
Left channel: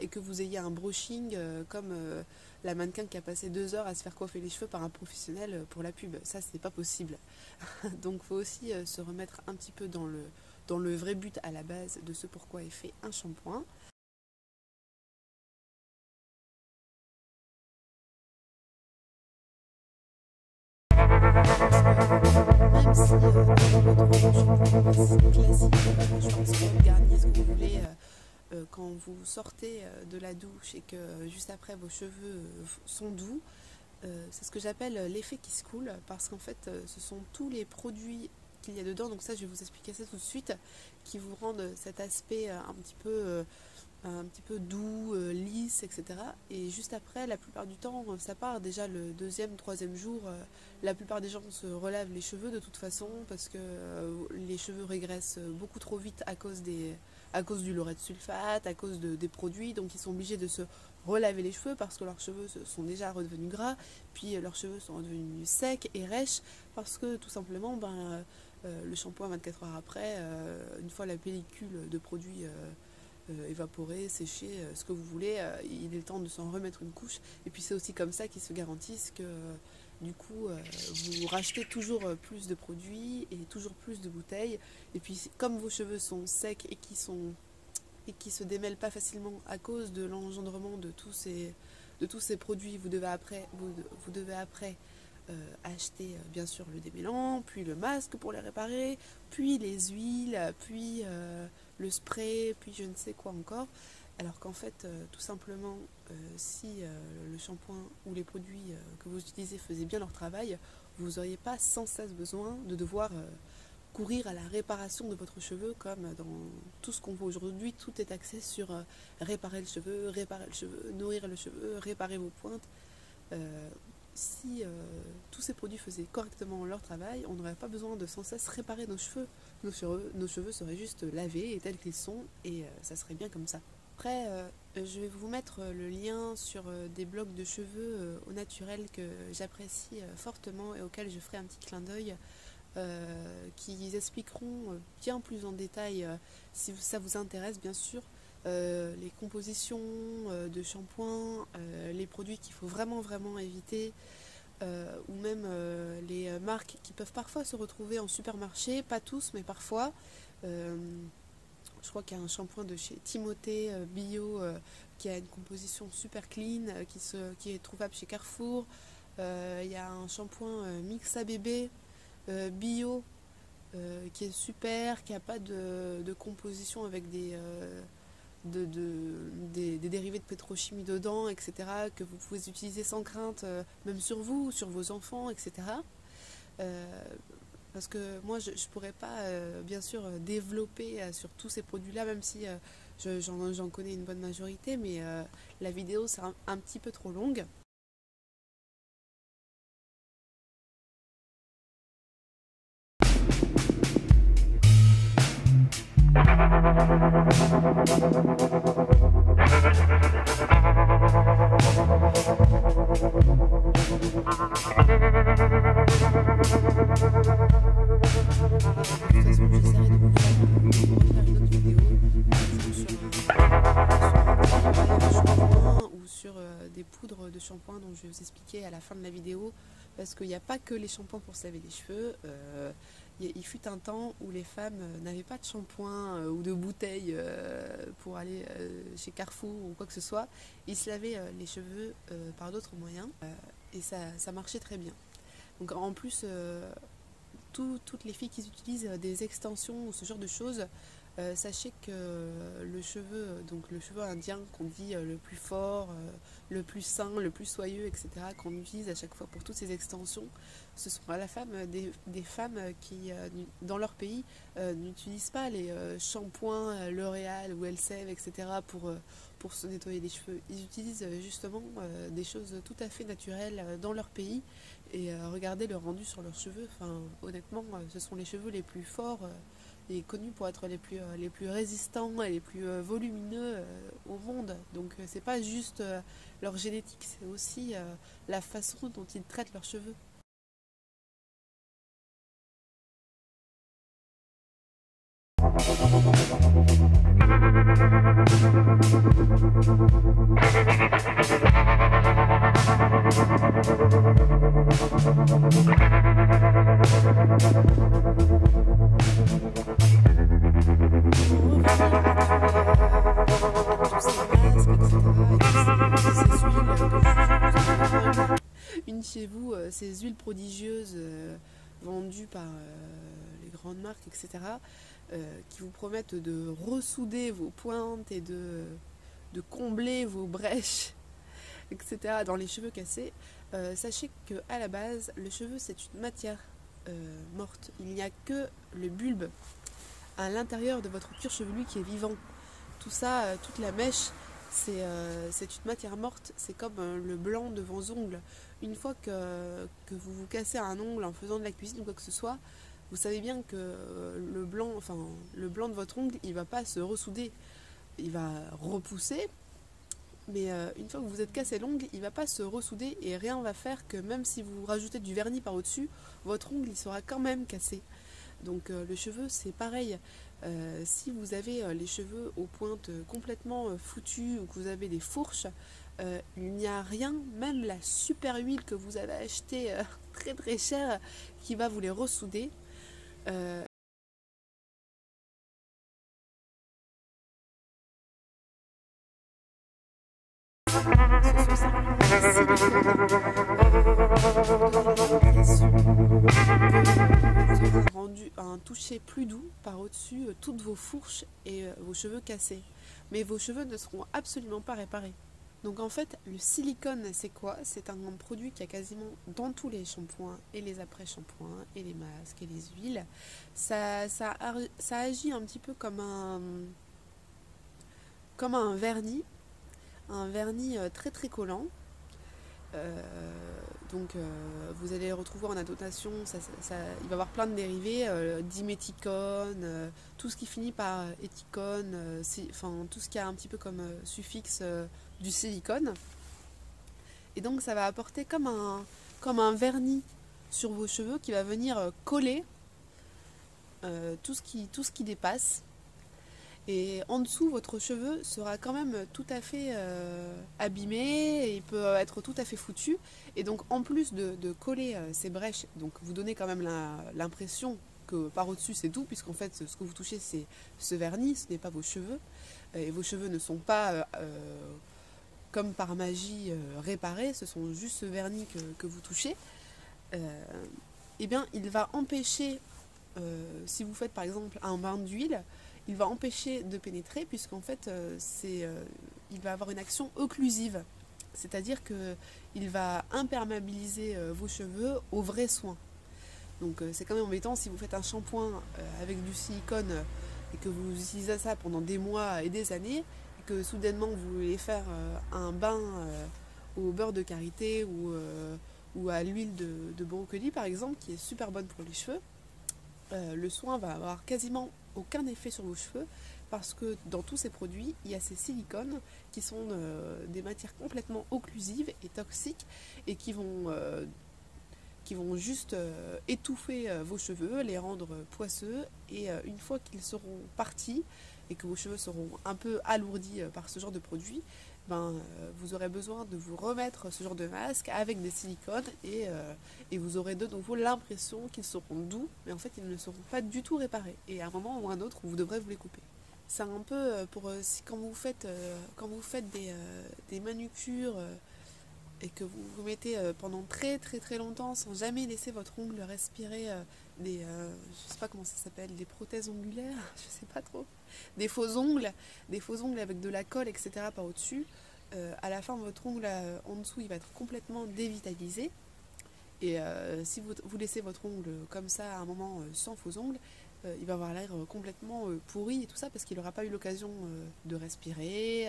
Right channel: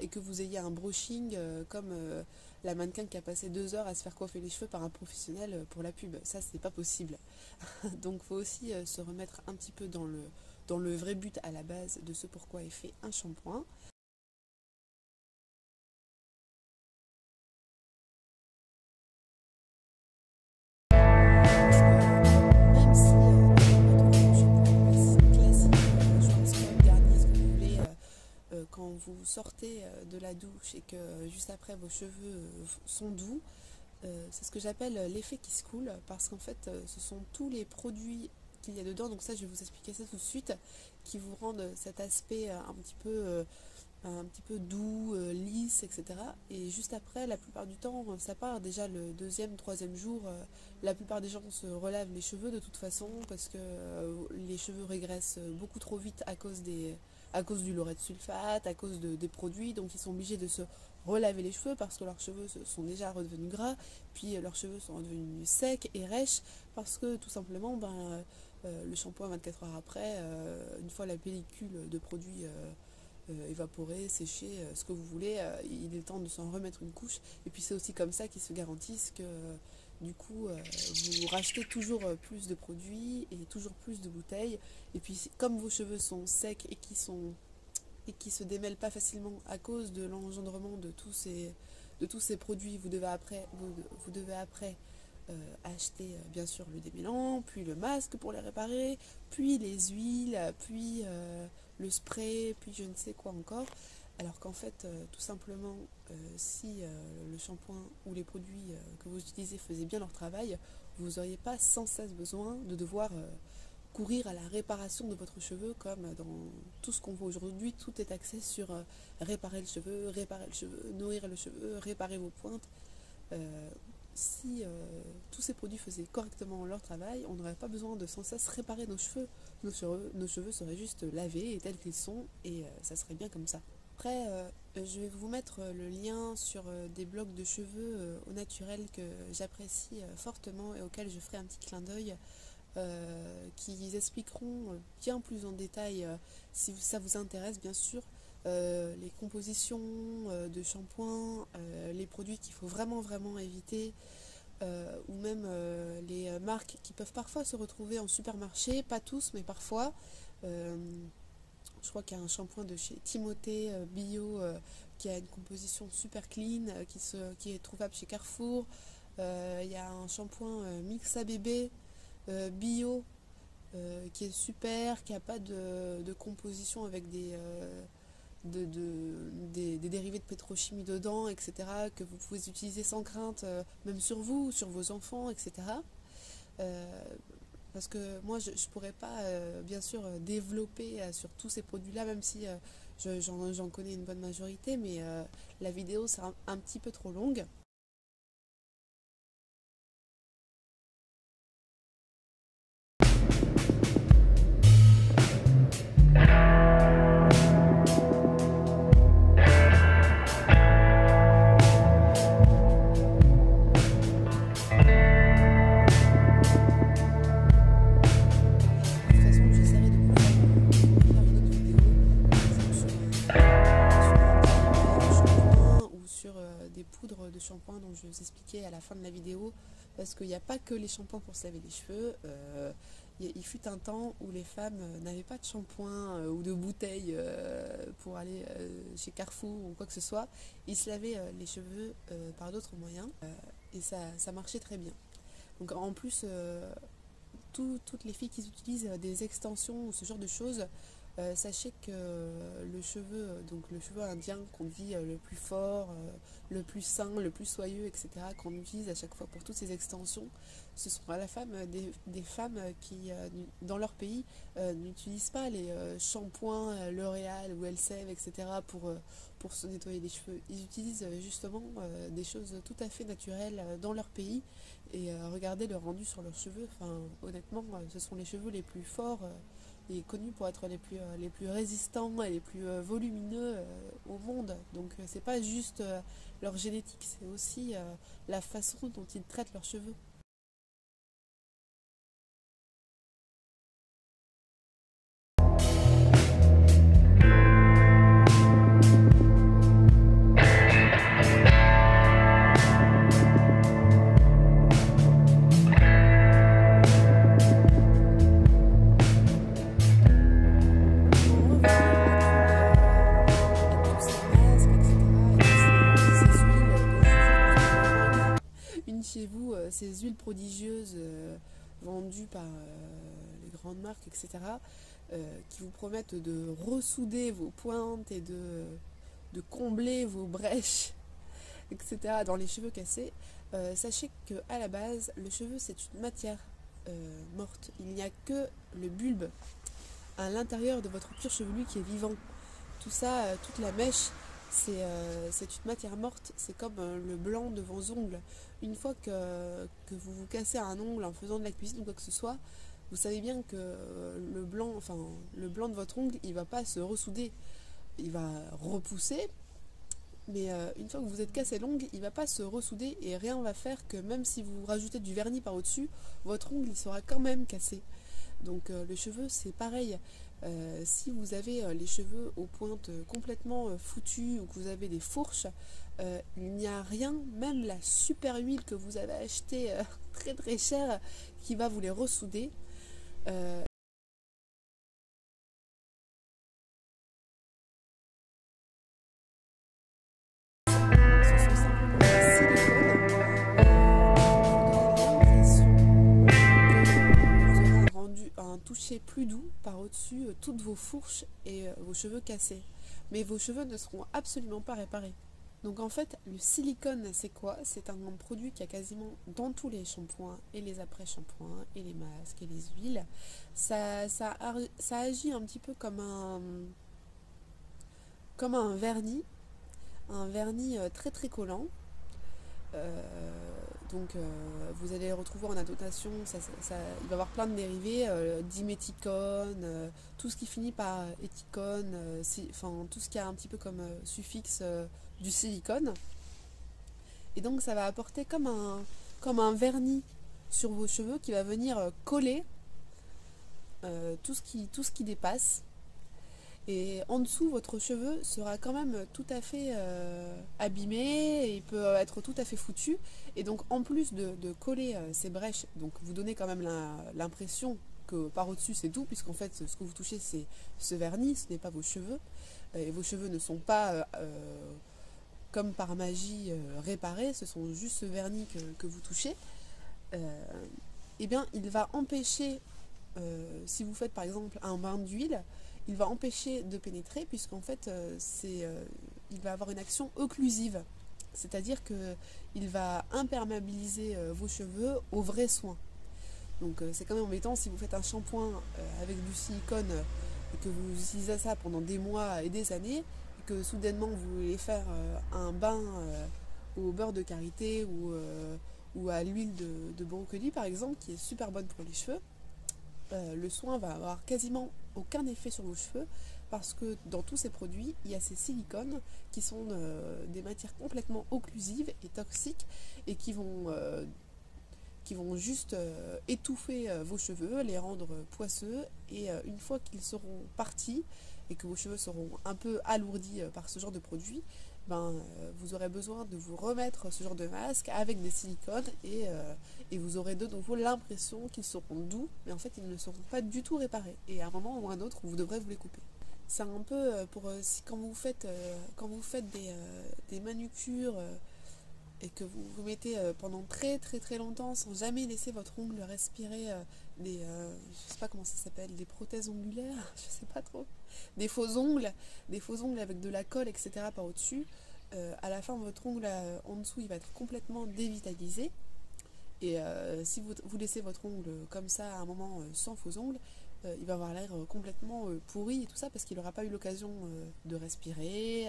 et que vous ayez un brushing comme la mannequin qui a passé 2 heures à se faire coiffer les cheveux par un professionnel pour la pub. Ça, c'est pas possible. Donc il faut aussi se remettre un petit peu dans le vrai but à la base de ce pourquoi est fait un shampoing. Quand vous sortez de la douche et que juste après vos cheveux sont doux, c'est ce que j'appelle l'effet qui se coule, parce qu'en fait ce sont tous les produits qu'il y a dedans, donc ça je vais vous expliquer ça tout de suite, qui vous rendent cet aspect un petit peu doux, lisse, etc. Et juste après, la plupart du temps, ça part déjà le 2e, 3e jour. La plupart des gens se relavent les cheveux de toute façon, parce que les cheveux régressent beaucoup trop vite à cause du laurette sulfate, à cause des produits, donc ils sont obligés de se relaver les cheveux parce que leurs cheveux sont déjà redevenus gras, puis leurs cheveux sont redevenus secs et rêches, parce que tout simplement, le shampoing 24 heures après, une fois la pellicule de produit évaporée, séchée, ce que vous voulez, il est temps de s'en remettre une couche. Et puis c'est aussi comme ça qu'ils se garantissent que du coup vous rachetez toujours plus de produits et toujours plus de bouteilles. Et puis comme vos cheveux sont secs et qui se démêlent pas facilement à cause de l'engendrement de tous ces produits, vous devez après acheter bien sûr le démêlant, puis le masque pour les réparer, puis les huiles, puis le spray, puis je ne sais quoi encore. Alors qu'en fait, tout simplement, si le shampoing ou les produits que vous utilisez faisaient bien leur travail, vous n'auriez pas sans cesse besoin de devoir courir à la réparation de votre cheveu, comme dans tout ce qu'on voit aujourd'hui. Tout est axé sur réparer le cheveu, nourrir le cheveu, réparer vos pointes. Si tous ces produits faisaient correctement leur travail, on n'aurait pas besoin de sans cesse réparer nos cheveux. Nos cheveux seraient juste lavés et tels qu'ils sont, et ça serait bien comme ça. Après, je vais vous mettre le lien sur des blogs de cheveux au naturel que j'apprécie fortement et auxquels je ferai un petit clin d'œil, qui expliqueront bien plus en détail, si ça vous intéresse bien sûr, les compositions de shampoing, les produits qu'il faut vraiment éviter, ou même les marques qui peuvent parfois se retrouver en supermarché, pas tous mais parfois. Je crois qu'il y a un shampoing de chez Timothée bio qui a une composition super clean, qui est trouvable chez Carrefour. Il y a un shampoing Mixa bébé bio qui est super, qui n'a pas de composition avec des dérivés de pétrochimie dedans, etc., que vous pouvez utiliser sans crainte, même sur vous, sur vos enfants, etc. Parce que moi, je ne pourrais pas, bien sûr, développer sur tous ces produits-là, même si j'en connais une bonne majorité, mais la vidéo sera un petit peu trop longue. Parce qu'il n'y a pas que les shampoings pour se laver les cheveux. Il fut un temps où les femmes n'avaient pas de shampoing ou de bouteille pour aller chez Carrefour ou quoi que ce soit. Ils se lavaient les cheveux par d'autres moyens et ça marchait très bien. Donc en plus, toutes les filles qui utilisent des extensions ou ce genre de choses, sachez que le cheveu indien qu'on dit le plus fort, le plus sain, le plus soyeux, etc., qu'on utilise à chaque fois pour toutes ces extensions, ce sont à la femme des femmes qui, dans leur pays, n'utilisent pas les shampoings L'Oréal ou Elseve, etc., pour se nettoyer les cheveux. Ils utilisent justement des choses tout à fait naturelles dans leur pays, et regardez le rendu sur leurs cheveux. Enfin, honnêtement, ce sont les cheveux les plus forts et connus pour être les plus résistants et les plus volumineux au monde. Donc c'est pas juste leur génétique, c'est aussi la façon dont ils traitent leurs cheveux. Chez vous ces huiles prodigieuses vendues par les grandes marques, etc., qui vous promettent de ressouder vos pointes et de combler vos brèches, etc., dans les cheveux cassés. Sachez qu'à la base, le cheveu, c'est une matière morte. Il n'y a que le bulbe à l'intérieur de votre cuir chevelu qui est vivant. Tout ça, toute la mèche, c'est une matière morte. C'est comme le blanc de vos ongles. Une fois que vous vous cassez un ongle en faisant de la cuisine ou quoi que ce soit, vous savez bien que le blanc de votre ongle, il ne va pas se ressouder. Il va repousser, mais une fois que vous êtes cassé l'ongle, il ne va pas se ressouder et rien ne va faire que même si vous rajoutez du vernis par au-dessus, votre ongle il sera quand même cassé. Donc le cheveu, c'est pareil. Si vous avez les cheveux aux pointes complètement foutus ou que vous avez des fourches, il n'y a rien, même la super huile que vous allez acheter très très chère, qui va vous les ressouder. Rendu un toucher plus doux par au-dessus toutes vos fourches et vos cheveux cassés. Mais vos cheveux ne seront absolument pas réparés. Donc en fait, le silicone, c'est quoi? C'est un produit qu'il y a quasiment dans tous les shampoings et les après-shampoings et les masques et les huiles. Ça agit un petit peu comme un vernis très très collant. Donc vous allez le retrouver en annotation, il va y avoir plein de dérivés, diméthicone, tout ce qui finit par éthicone, enfin tout ce qui a un petit peu comme suffixe du silicone. Et donc ça va apporter comme un vernis sur vos cheveux qui va venir coller tout ce qui dépasse. Et en dessous, votre cheveu sera quand même tout à fait abîmé, et il peut être tout à fait foutu. Et donc en plus de coller ces brèches, donc vous donnez quand même l'impression que par au-dessus c'est tout, puisqu'en fait ce que vous touchez c'est ce vernis, ce n'est pas vos cheveux. Et vos cheveux ne sont pas comme par magie réparés, ce sont juste ce vernis que vous touchez. Et bien il va empêcher, si vous faites par exemple un bain d'huile, il va empêcher de pénétrer, puisqu'en fait il va avoir une action occlusive, c'est-à-dire qu'il va imperméabiliser vos cheveux aux vrais soins. Donc c'est quand même embêtant si vous faites un shampoing avec du silicone et que vous utilisez ça pendant des mois et des années, et que soudainement vous voulez faire un bain au beurre de karité ou à l'huile de brocoli par exemple, qui est super bonne pour les cheveux. Le soin va avoir quasiment aucun effet sur vos cheveux, parce que dans tous ces produits, il y a ces silicones qui sont des matières complètement occlusives et toxiques, et qui vont juste étouffer vos cheveux, les rendre poisseux, et une fois qu'ils seront partis et que vos cheveux seront un peu alourdis par ce genre de produit, vous aurez besoin de vous remettre ce genre de masque avec des silicones, et vous aurez de nouveau l'impression qu'ils seront doux, mais en fait ils ne seront pas du tout réparés, et à un moment ou à un autre vous devrez vous les couper. C'est un peu pour quand vous faites des manucures et que vous mettez pendant très très très longtemps sans jamais laisser votre ongle respirer je sais pas comment ça s'appelle, des prothèses ongulaires, je sais pas trop, des faux ongles avec de la colle, etc. par au-dessus. À la fin, votre ongle en dessous il va être complètement dévitalisé, et si vous laissez votre ongle comme ça à un moment sans faux ongles, il va avoir l'air complètement pourri et tout ça, parce qu'il n'aura pas eu l'occasion de respirer,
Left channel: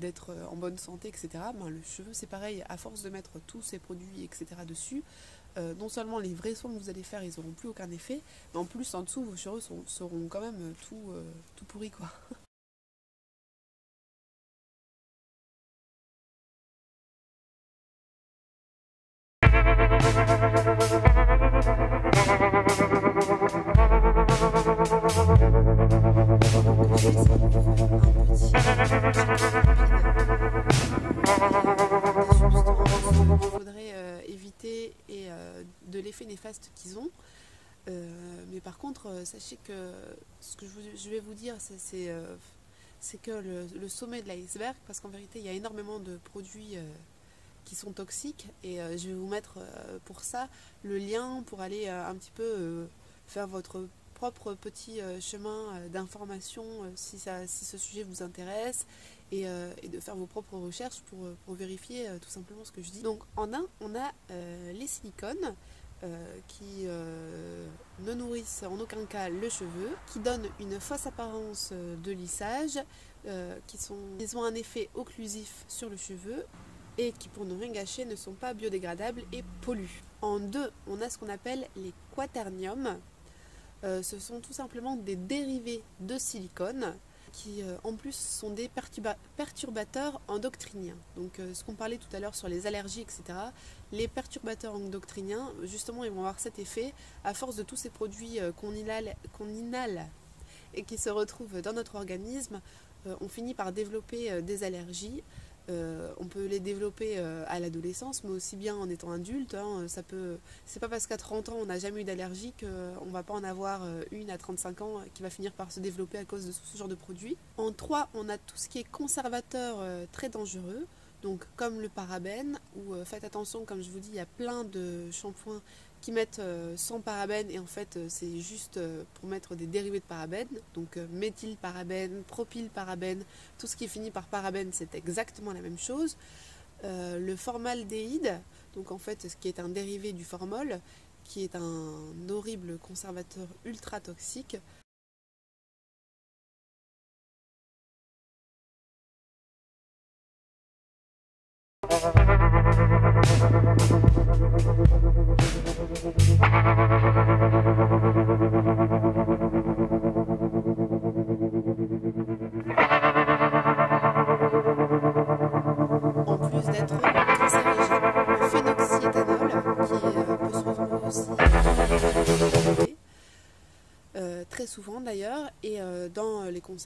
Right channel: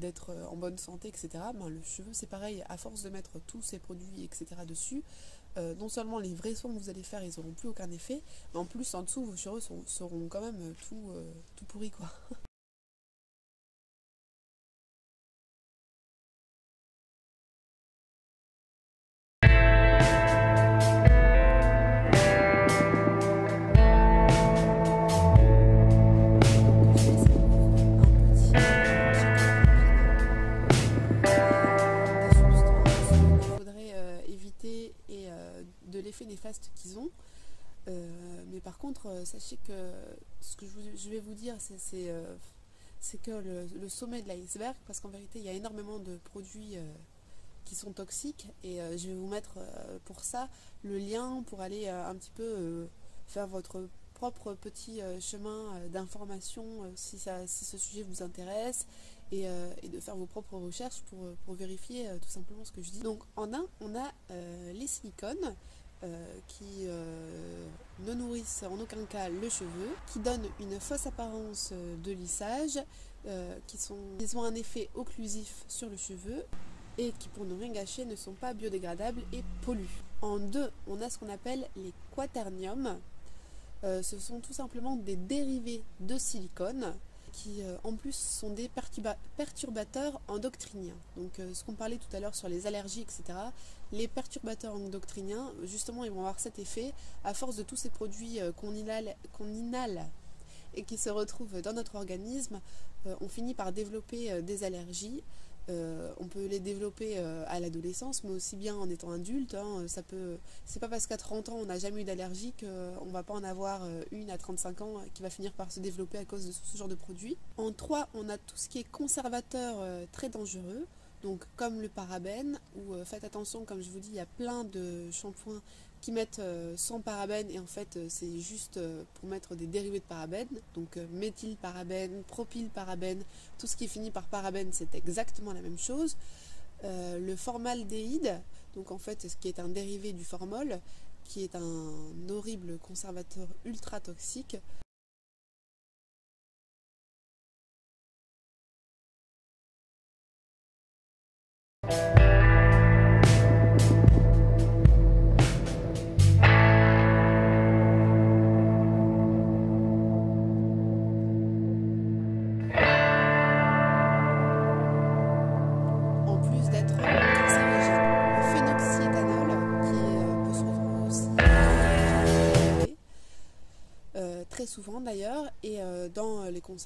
d'être en bonne santé, etc. Le cheveu c'est pareil, à force de mettre tous ces produits, etc. dessus, non seulement les vrais soins que vous allez faire ils n'auront plus aucun effet, mais en plus en dessous vos cheveux seront quand même tout pourris quoi. Néfastes qu'ils ont, mais par contre sachez que ce que je vais vous dire c'est que le sommet de l'iceberg, parce qu'en vérité il y a énormément de produits qui sont toxiques, et je vais vous mettre pour ça le lien pour aller un petit peu faire votre propre petit chemin d'information si ce sujet vous intéresse, et de faire vos propres recherches pour vérifier tout simplement ce que je dis. Donc en un, on a les silicones qui ne nourrissent en aucun cas le cheveu, qui donnent une fausse apparence de lissage, qui ont un effet occlusif sur le cheveu, et qui, pour ne rien gâcher, ne sont pas biodégradables et polluent. En deux, on a ce qu'on appelle les quaterniums. Ce sont tout simplement des dérivés de silicone qui en plus sont des perturbateurs endocriniens. Donc ce qu'on parlait tout à l'heure sur les allergies, etc. Les perturbateurs endocriniens, justement, ils vont avoir cet effet. À force de tous ces produits qu'on inhale et qui se retrouvent dans notre organisme, on finit par développer des allergies. On peut les développer à l'adolescence, mais aussi bien en étant adulte. C'est pas parce qu'à 30 ans on n'a jamais eu d'allergie qu'on ne va pas en avoir une à 35 ans qui va finir par se développer à cause de ce genre de produit. En 3, on a tout ce qui est conservateur très dangereux, donc comme le parabène, ou faites attention, comme je vous dis, il y a plein de shampoings qui mettent sans parabène, et en fait c'est juste pour mettre des dérivés de parabène, donc méthylparabène, propylparabène, tout ce qui finit par parabène c'est exactement la même chose. Le formaldéhyde, donc en fait ce qui est un dérivé du formol, qui est un horrible conservateur ultra toxique.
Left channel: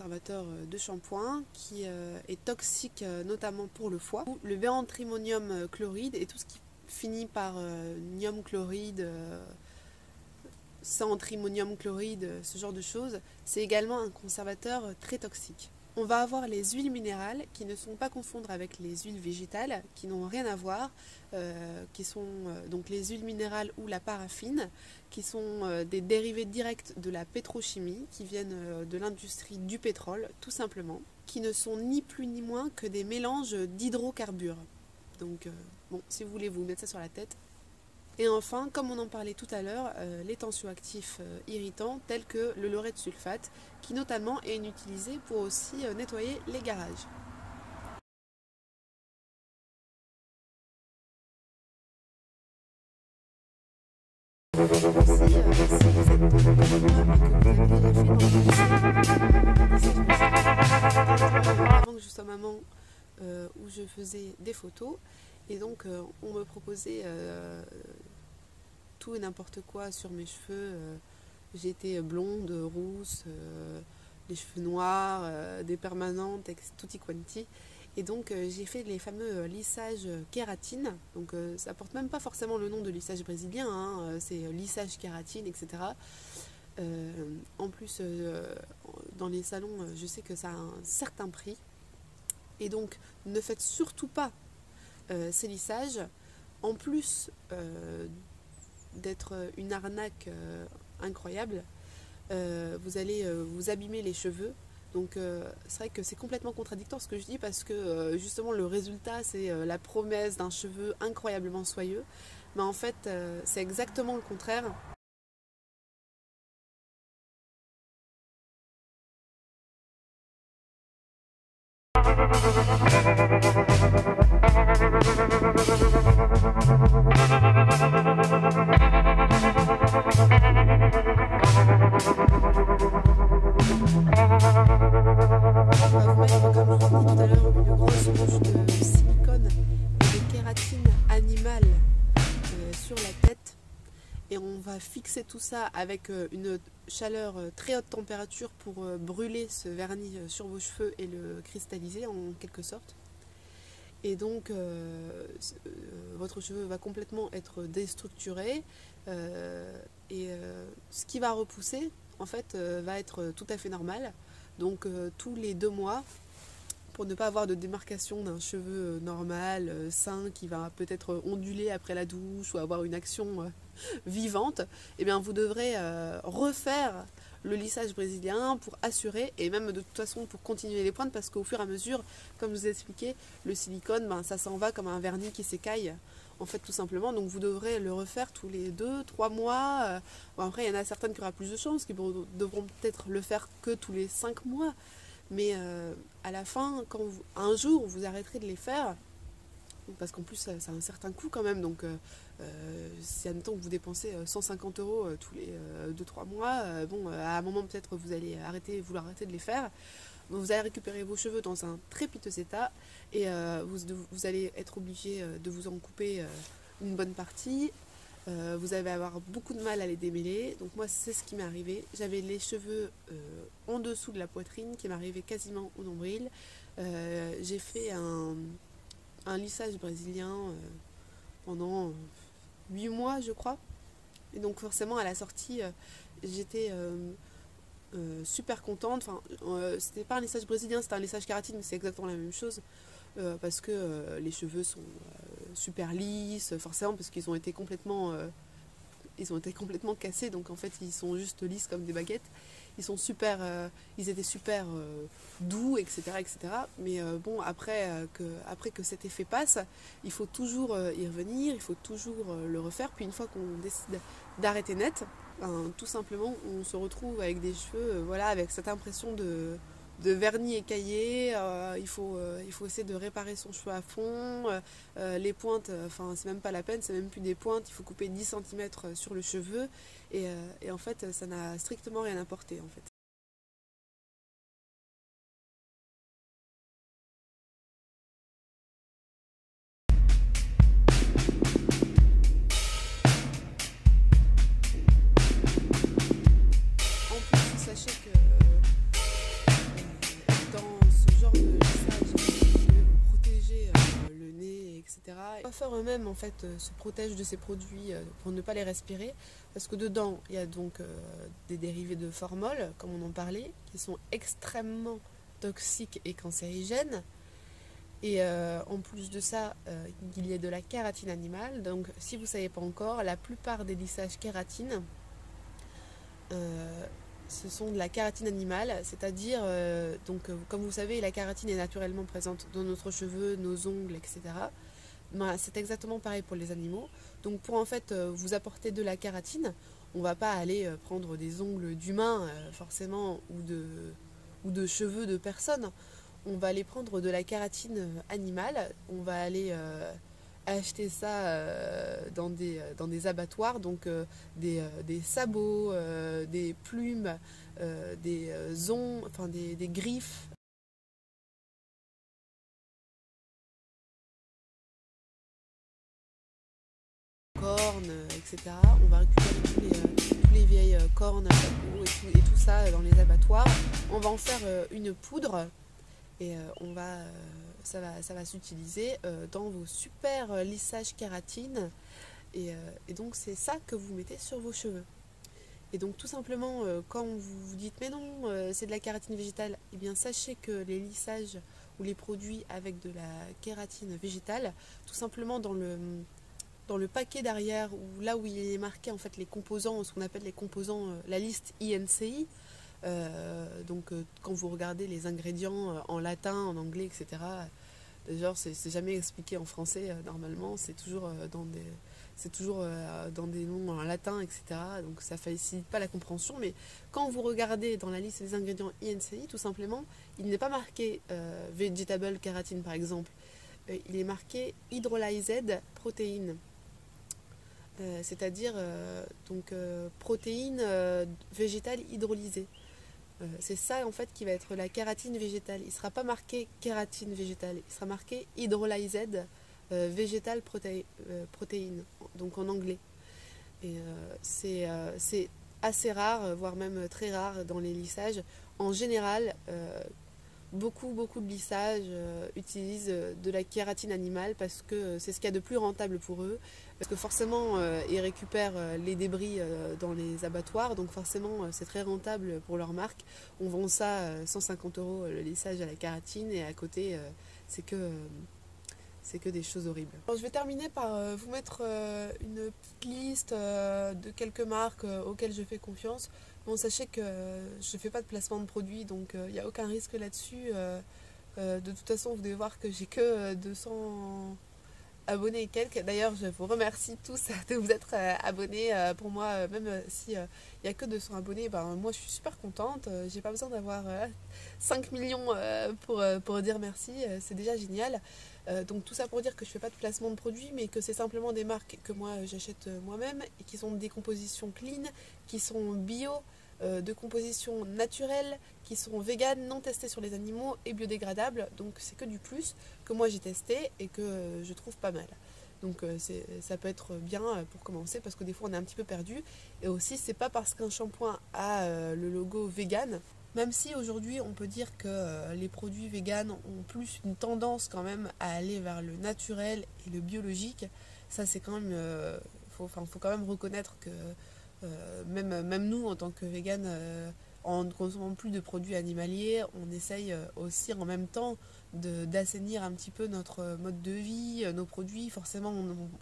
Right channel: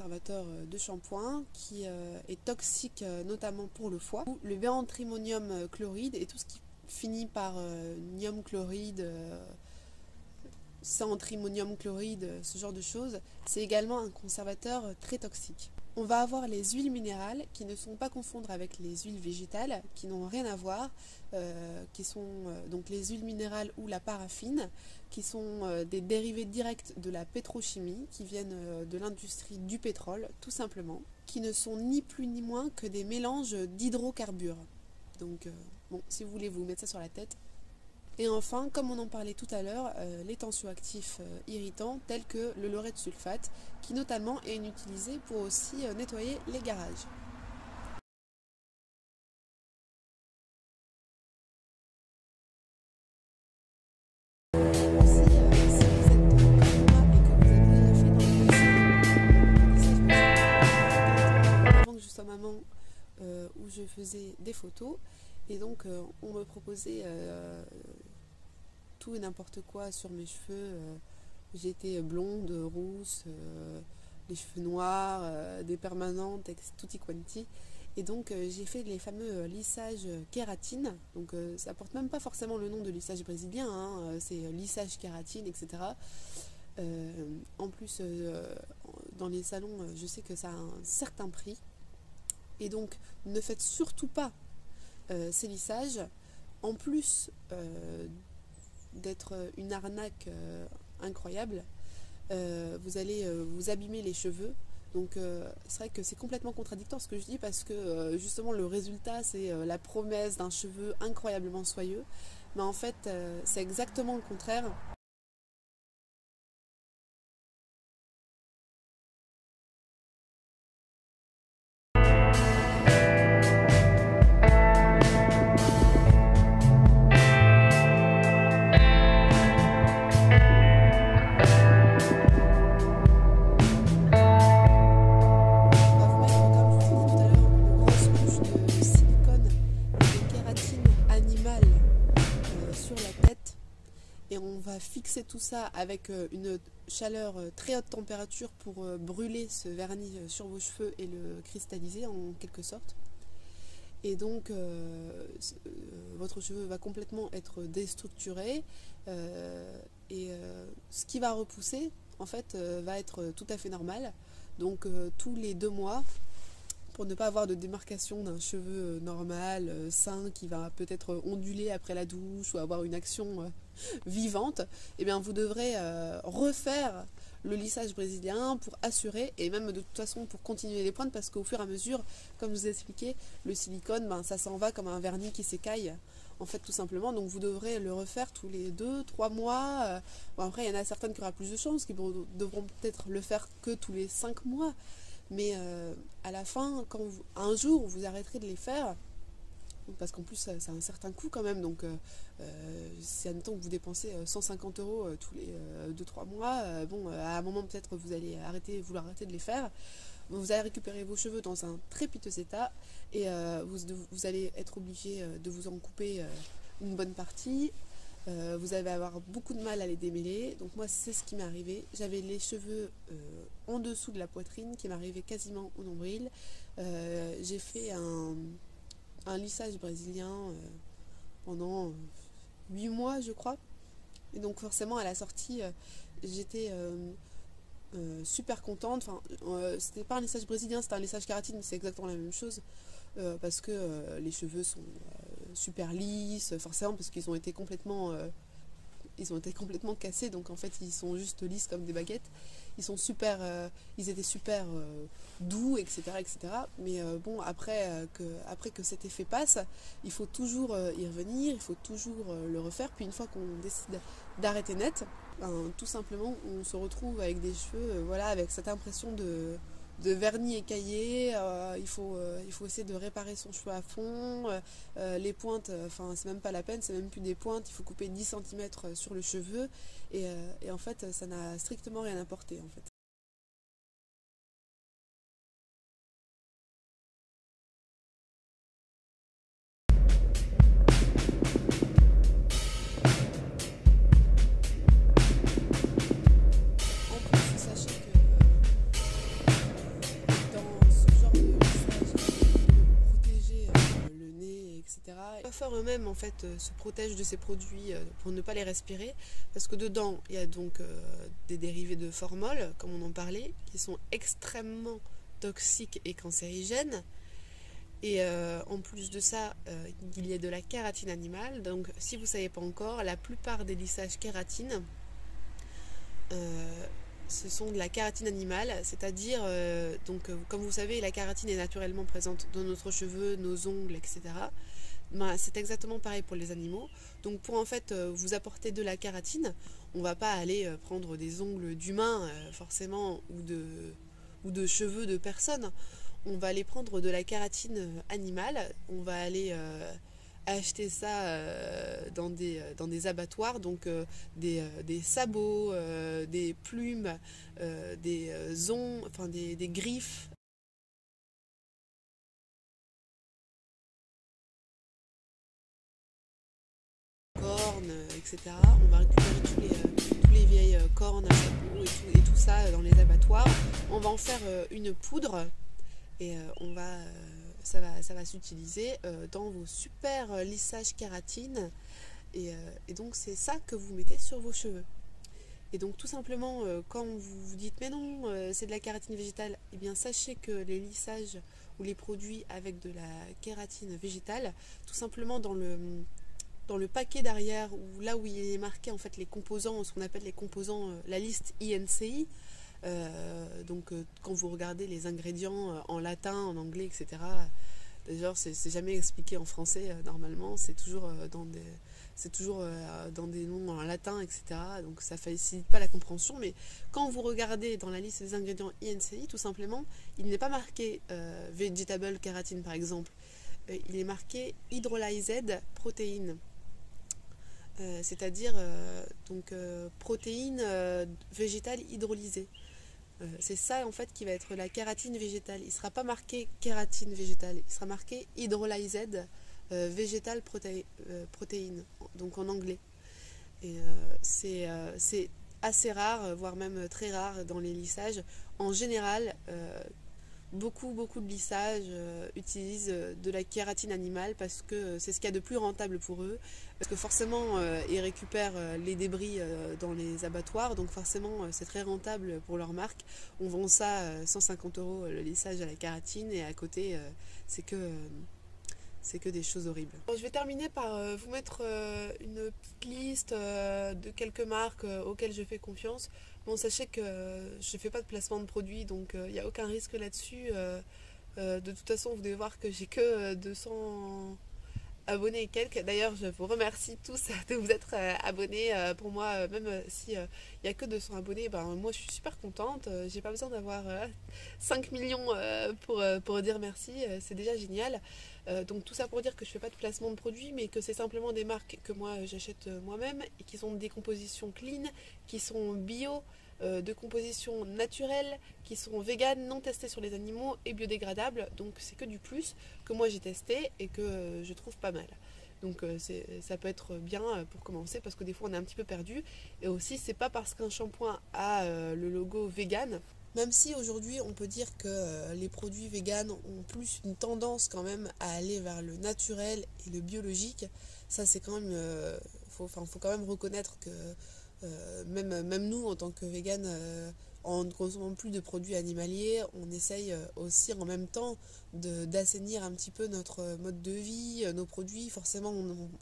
conservateur de shampoing qui est toxique notamment pour le foie. Le bérantrimonium chloride et tout ce qui finit par nium chloride, centrimonium chloride, ce genre de choses, c'est également un conservateur très toxique. On va avoir les huiles minérales qui ne sont pas à confondre avec les huiles végétales, qui n'ont rien à voir, qui sont donc les huiles minérales ou la paraffine, qui sont des dérivés directs de la pétrochimie, qui viennent de l'industrie du pétrole, tout simplement, qui ne sont ni plus ni moins que des mélanges d'hydrocarbures. Donc, bon, si vous voulez vous mettre ça sur la tête. Et enfin, comme on en parlait tout à l'heure, les tensioactifs irritants tels que le laureth sulfate, qui notamment est utilisé pour aussi nettoyer les garages. Je suis maman où je faisais des photos et donc on me proposait tout et n'importe quoi sur mes cheveux. J'étais blonde, rousse, les cheveux noirs, des permanentes, tutti quanti. Et donc j'ai fait les fameux lissages kératine. Donc ça porte même pas forcément le nom de lissage brésilien, hein, c'est lissage kératine, etc. En plus, dans les salons, je sais que ça a un certain prix. Et donc ne faites surtout pas ces lissages. En plus d'être une arnaque incroyable, vous allez vous abîmer les cheveux. Donc c'est vrai que c'est complètement contradictoire ce que je dis, parce que justement le résultat c'est la promesse d'un cheveu incroyablement soyeux, mais en fait c'est exactement le contraire. Fixer tout ça avec une chaleur très haute température pour brûler ce vernis sur vos cheveux et le cristalliser en quelque sorte. Et donc votre cheveu va complètement être déstructuré et ce qui va repousser en fait va être tout à fait normal. Donc tous les 2 mois, pour ne pas avoir de démarcation d'un cheveu normal, sain, qui va peut-être onduler après la douche ou avoir une action vivante, eh bien vous devrez refaire le lissage brésilien pour assurer, et même de toute façon pour continuer les pointes, parce qu'au fur et à mesure, comme je vous ai expliqué, le silicone, ça s'en va comme un vernis qui s'écaille, en fait, tout simplement. Donc vous devrez le refaire tous les 2-3 mois. Bon, après, il y en a certaines qui auront plus de chance, qui devront peut-être le faire que tous les 5 mois. Mais à la fin, quand un jour vous arrêterez de les faire, parce qu'en plus ça a un certain coût quand même, donc si en même temps que vous dépensez 150 € tous les 2-3 mois, bon, à un moment peut-être vous allez vouloir arrêter de les faire, vous allez récupérer vos cheveux dans un très piteux état, et vous allez être obligé de vous en couper une bonne partie. Vous allez avoir beaucoup de mal à les démêler. Donc moi c'est ce qui m'est arrivé. J'avais les cheveux en dessous de la poitrine qui m'arrivait quasiment au nombril. J'ai fait un lissage brésilien pendant 8 mois je crois. Et donc forcément à la sortie j'étais super contente. Enfin, c'était pas un lissage brésilien, c'était un lissage kératine, mais c'est exactement la même chose, parce que les cheveux sont super lisses, forcément, parce qu'ils ont été complètement cassés, donc en fait ils sont juste lisses comme des baguettes. Ils étaient super doux, etc., etc. Mais bon, après que cet effet passe, il faut toujours y revenir, il faut toujours le refaire. Puis une fois qu'on décide d'arrêter net, tout simplement on se retrouve avec des cheveux, voilà, avec cette impression de vernis écaillé. Il faut essayer de réparer son cheveu à fond. Les pointes, enfin c'est même pas la peine, c'est même plus des pointes, il faut couper 10 cm sur le cheveu, et en fait ça n'a strictement rien apporté en fait. se protège de ces produits pour ne pas les respirer, parce que dedans il y a donc des dérivés de formol, comme on en parlait, qui sont extrêmement toxiques et cancérigènes. Et en plus de ça, il y a de la kératine animale. Donc si vous ne savez pas encore, la plupart des lissages kératine, ce sont de la kératine animale, c'est-à-dire, comme vous savez, la kératine est naturellement présente dans notre cheveux, nos ongles, etc. Ben, c'est exactement pareil pour les animaux. Donc pour en fait vous apporter de la kératine, on ne va pas aller prendre des ongles d'humains forcément ou de cheveux de personnes. On va aller prendre de la kératine animale, on va aller acheter ça dans des abattoirs, donc des sabots, des plumes, des enfin des griffes. Cornes, etc. On va récupérer tous les vieilles cornes et tout ça dans les abattoirs. On va en faire une poudre et ça va s'utiliser dans vos super lissages kératine et donc c'est ça que vous mettez sur vos cheveux. Et donc tout simplement quand vous vous dites mais non c'est de la kératine végétale, eh bien sachez que les lissages ou les produits avec de la kératine végétale, tout simplement dans le paquet derrière, ou là où il est marqué en fait les composants, ce qu'on appelle les composants, la liste INCI, quand vous regardez les ingrédients en latin, en anglais, etc., genre c'est jamais expliqué en français normalement, c'est toujours dans des noms en latin, etc. Donc ça facilite pas la compréhension, mais quand vous regardez dans la liste des ingrédients INCI, tout simplement, il n'est pas marqué vegetable kératine par exemple, il est marqué hydrolyzed protéines. C'est-à-dire protéines végétales hydrolysées. C'est ça en fait qui va être la kératine végétale. Il ne sera pas marqué kératine végétale, il sera marqué hydrolyzed vegetal protéines, donc en anglais. Et c'est assez rare, voire même très rare dans les lissages. En général, beaucoup de lissages utilisent de la kératine animale parce que c'est ce qu'il y a de plus rentable pour eux, parce que forcément ils récupèrent les débris dans les abattoirs, donc forcément c'est très rentable pour leur marque. On vend ça 150 € le lissage à la kératine, et à côté c'est que des choses horribles. Alors, je vais terminer par vous mettre une petite liste de quelques marques auxquelles je fais confiance. Bon, sachez que je ne fais pas de placement de produits, donc il n'y a aucun risque là-dessus. De toute façon, vous devez voir que j'ai que 200 abonnés et quelques. D'ailleurs, je vous remercie tous de vous être abonnés. Pour moi, même si il n'y a que 200 abonnés, ben, moi je suis super contente. J'ai pas besoin d'avoir 5 millions pour dire merci. C'est déjà génial. Donc tout ça pour dire que je ne fais pas de placement de produits, mais que c'est simplement des marques que moi j'achète moi-même et qui sont des compositions clean, qui sont bio, de composition naturelle, qui sont véganes, non testées sur les animaux et biodégradables. Donc c'est que du plus que moi j'ai testé et que je trouve pas mal. Donc ça peut être bien pour commencer, parce que des fois on est un petit peu perdu. Et aussi c'est pas parce qu'un shampoing a le logo vegan, même si aujourd'hui on peut dire que les produits véganes ont plus une tendance quand même à aller vers le naturel et le biologique. Ça c'est quand même, faut quand même reconnaître que même nous en tant que véganes, en ne consommant plus de produits animaliers, on essaye aussi en même temps d'assainir un petit peu notre mode de vie, nos produits. Forcément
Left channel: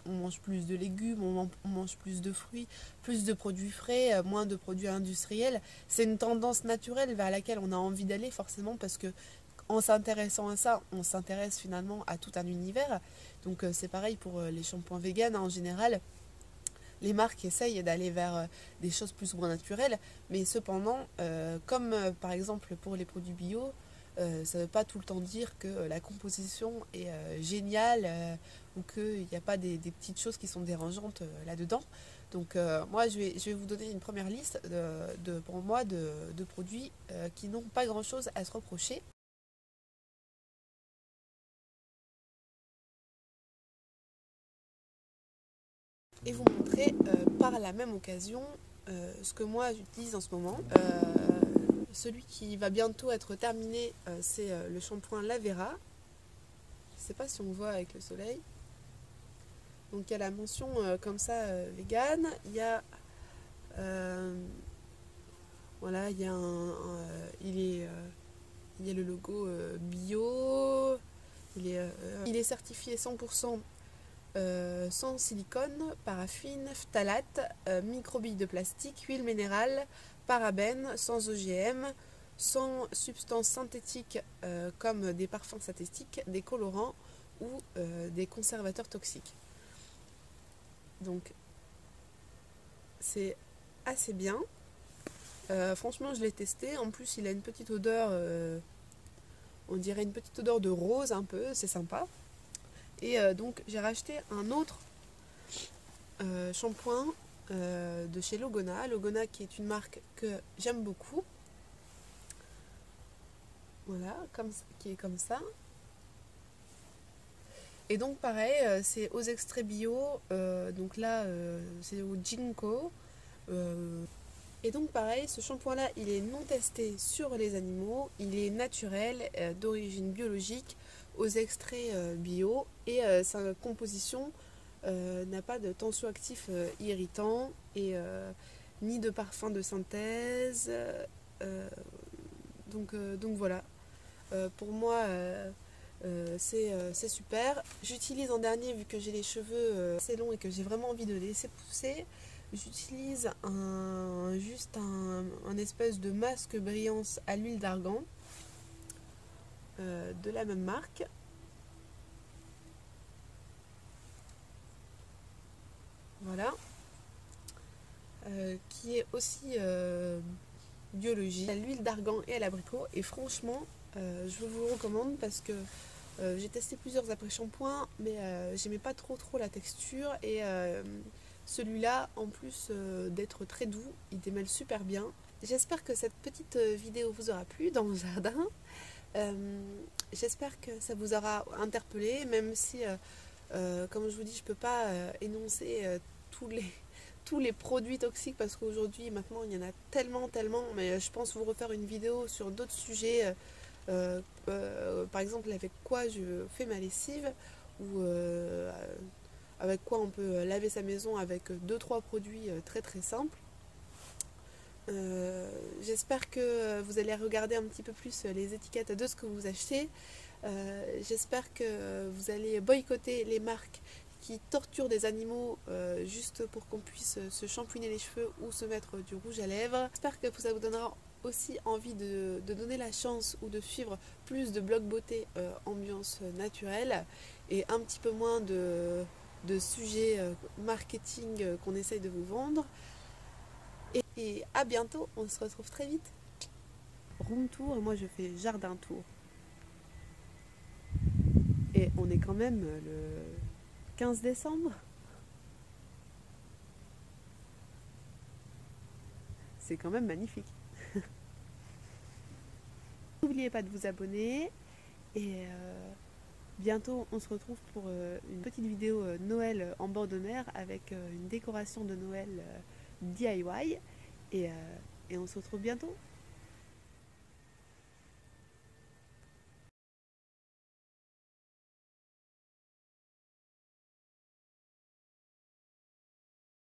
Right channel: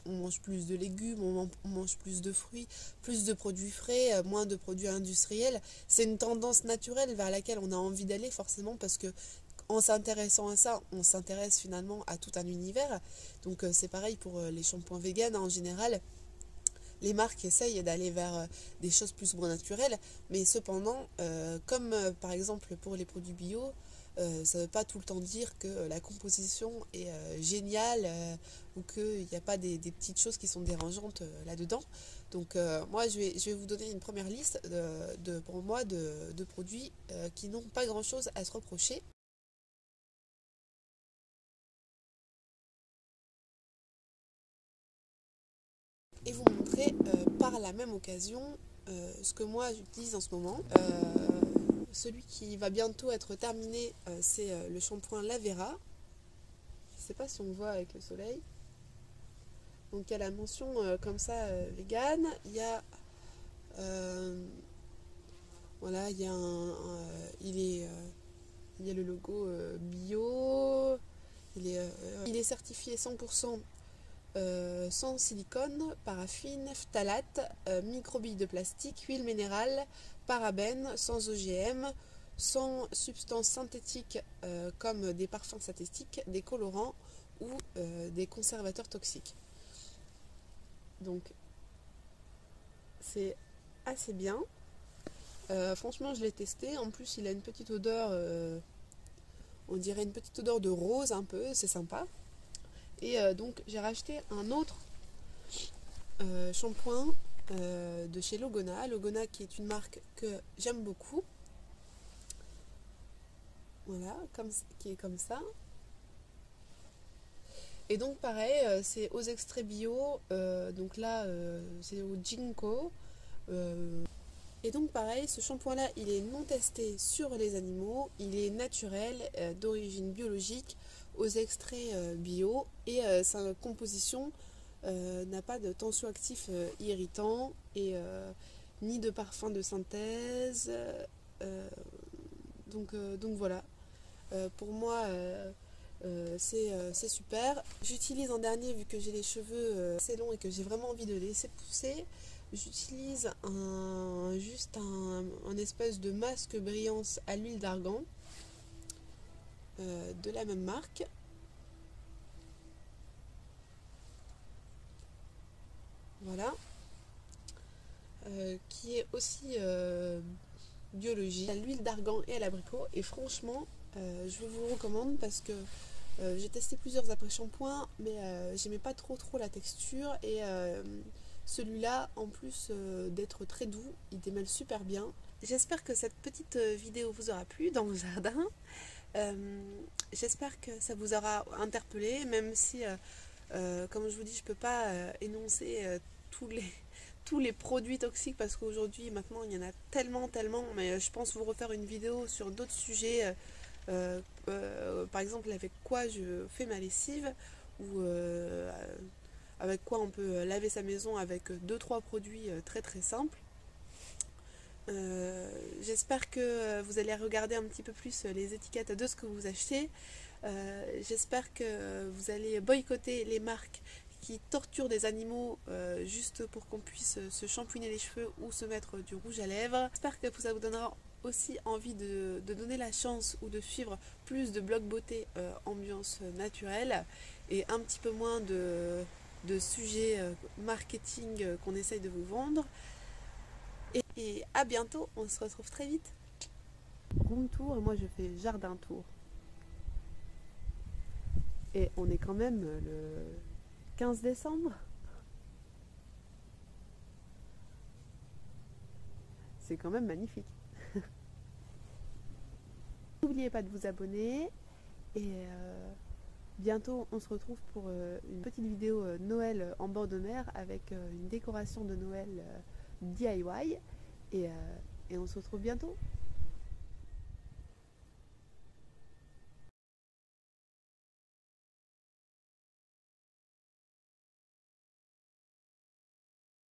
on mange plus de légumes, on mange plus de fruits, plus de produits frais, moins de produits industriels. C'est une tendance naturelle vers laquelle on a envie d'aller, forcément, parce que en s'intéressant à ça, on s'intéresse finalement à tout un univers. Donc c'est pareil pour les shampoings véganes en général. Les marques essayent d'aller vers des choses plus ou moins naturelles, mais cependant, comme par exemple pour les produits bio, ça ne veut pas tout le temps dire que la composition est géniale ou qu'il n'y a pas des petites choses qui sont dérangeantes là-dedans. Donc moi je vais vous donner une première liste pour moi de produits qui n'ont pas grand-chose à se reprocher. Et vous montrer par la même occasion ce que moi j'utilise en ce moment. Celui qui va bientôt être terminé, c'est le shampoing Lavera. Je ne sais pas si on voit avec le soleil. Donc il y a la mention comme ça vegan, il y a voilà, il y a le logo bio, il est certifié 100% sans silicone, paraffine, phtalate, microbilles de plastique, huile minérale, parabènes, sans OGM, sans substances synthétiques comme des parfums synthétiques, des colorants ou des conservateurs toxiques. Donc c'est assez bien. Franchement, je l'ai testé. En plus, il a une petite odeur, on dirait une petite odeur de rose un peu, c'est sympa. Et donc, j'ai racheté un autre shampoing de chez Logona. Logona qui est une marque que j'aime beaucoup. Voilà, qui est comme ça. Et donc, pareil, c'est aux extraits bio. Donc là, c'est au Ginkgo. Et donc pareil, ce shampoing-là, il est non testé sur les animaux, il est naturel, d'origine biologique, aux extraits bio, et sa composition n'a pas de tensioactifs irritants, et ni de parfum de synthèse. Donc voilà, pour moi c'est super. J'utilise en dernier, vu que j'ai les cheveux assez longs et que j'ai vraiment envie de les laisser pousser, j'utilise un espèce de masque brillance à l'huile d'argan de la même marque. Voilà. Qui est aussi biologique, à l'huile d'argan et à l'abricot. Et franchement, je vous recommande parce que j'ai testé plusieurs après-shampoings, mais j'aimais pas trop la texture. Et celui-là, en plus d'être très doux, il démêle super bien. J'espère que cette petite vidéo vous aura plu dans mon jardin. J'espère que ça vous aura interpellé, même si, comme je vous dis, je ne peux pas énoncer tous les produits toxiques, parce qu'aujourd'hui, maintenant, il y en a tellement, mais je pense vous refaire une vidéo sur d'autres sujets, par exemple, avec quoi je fais ma lessive, ou avec quoi on peut laver sa maison avec 2-3 produits très simples. J'espère que vous allez regarder un petit peu plus les étiquettes de ce que vous achetez. J'espère que vous allez boycotter les marques qui torturent des animaux juste pour qu'on puisse se shampouiner les cheveux ou se mettre du rouge à lèvres. J'espère que ça vous donnera aussi envie de donner la chance ou de suivre plus de blogs beauté ambiance naturelle, et un petit peu moins de sujets marketing qu'on essaye de vous vendre. Et à bientôt, on se retrouve très vite. Room tour, et moi je fais jardin tour. Et on est quand même le 15 décembre. C'est quand même magnifique. N'oubliez pas de vous abonner, et bientôt on se retrouve pour une petite vidéo Noël en bord de mer avec une décoration de Noël DIY, et on se retrouve bientôt.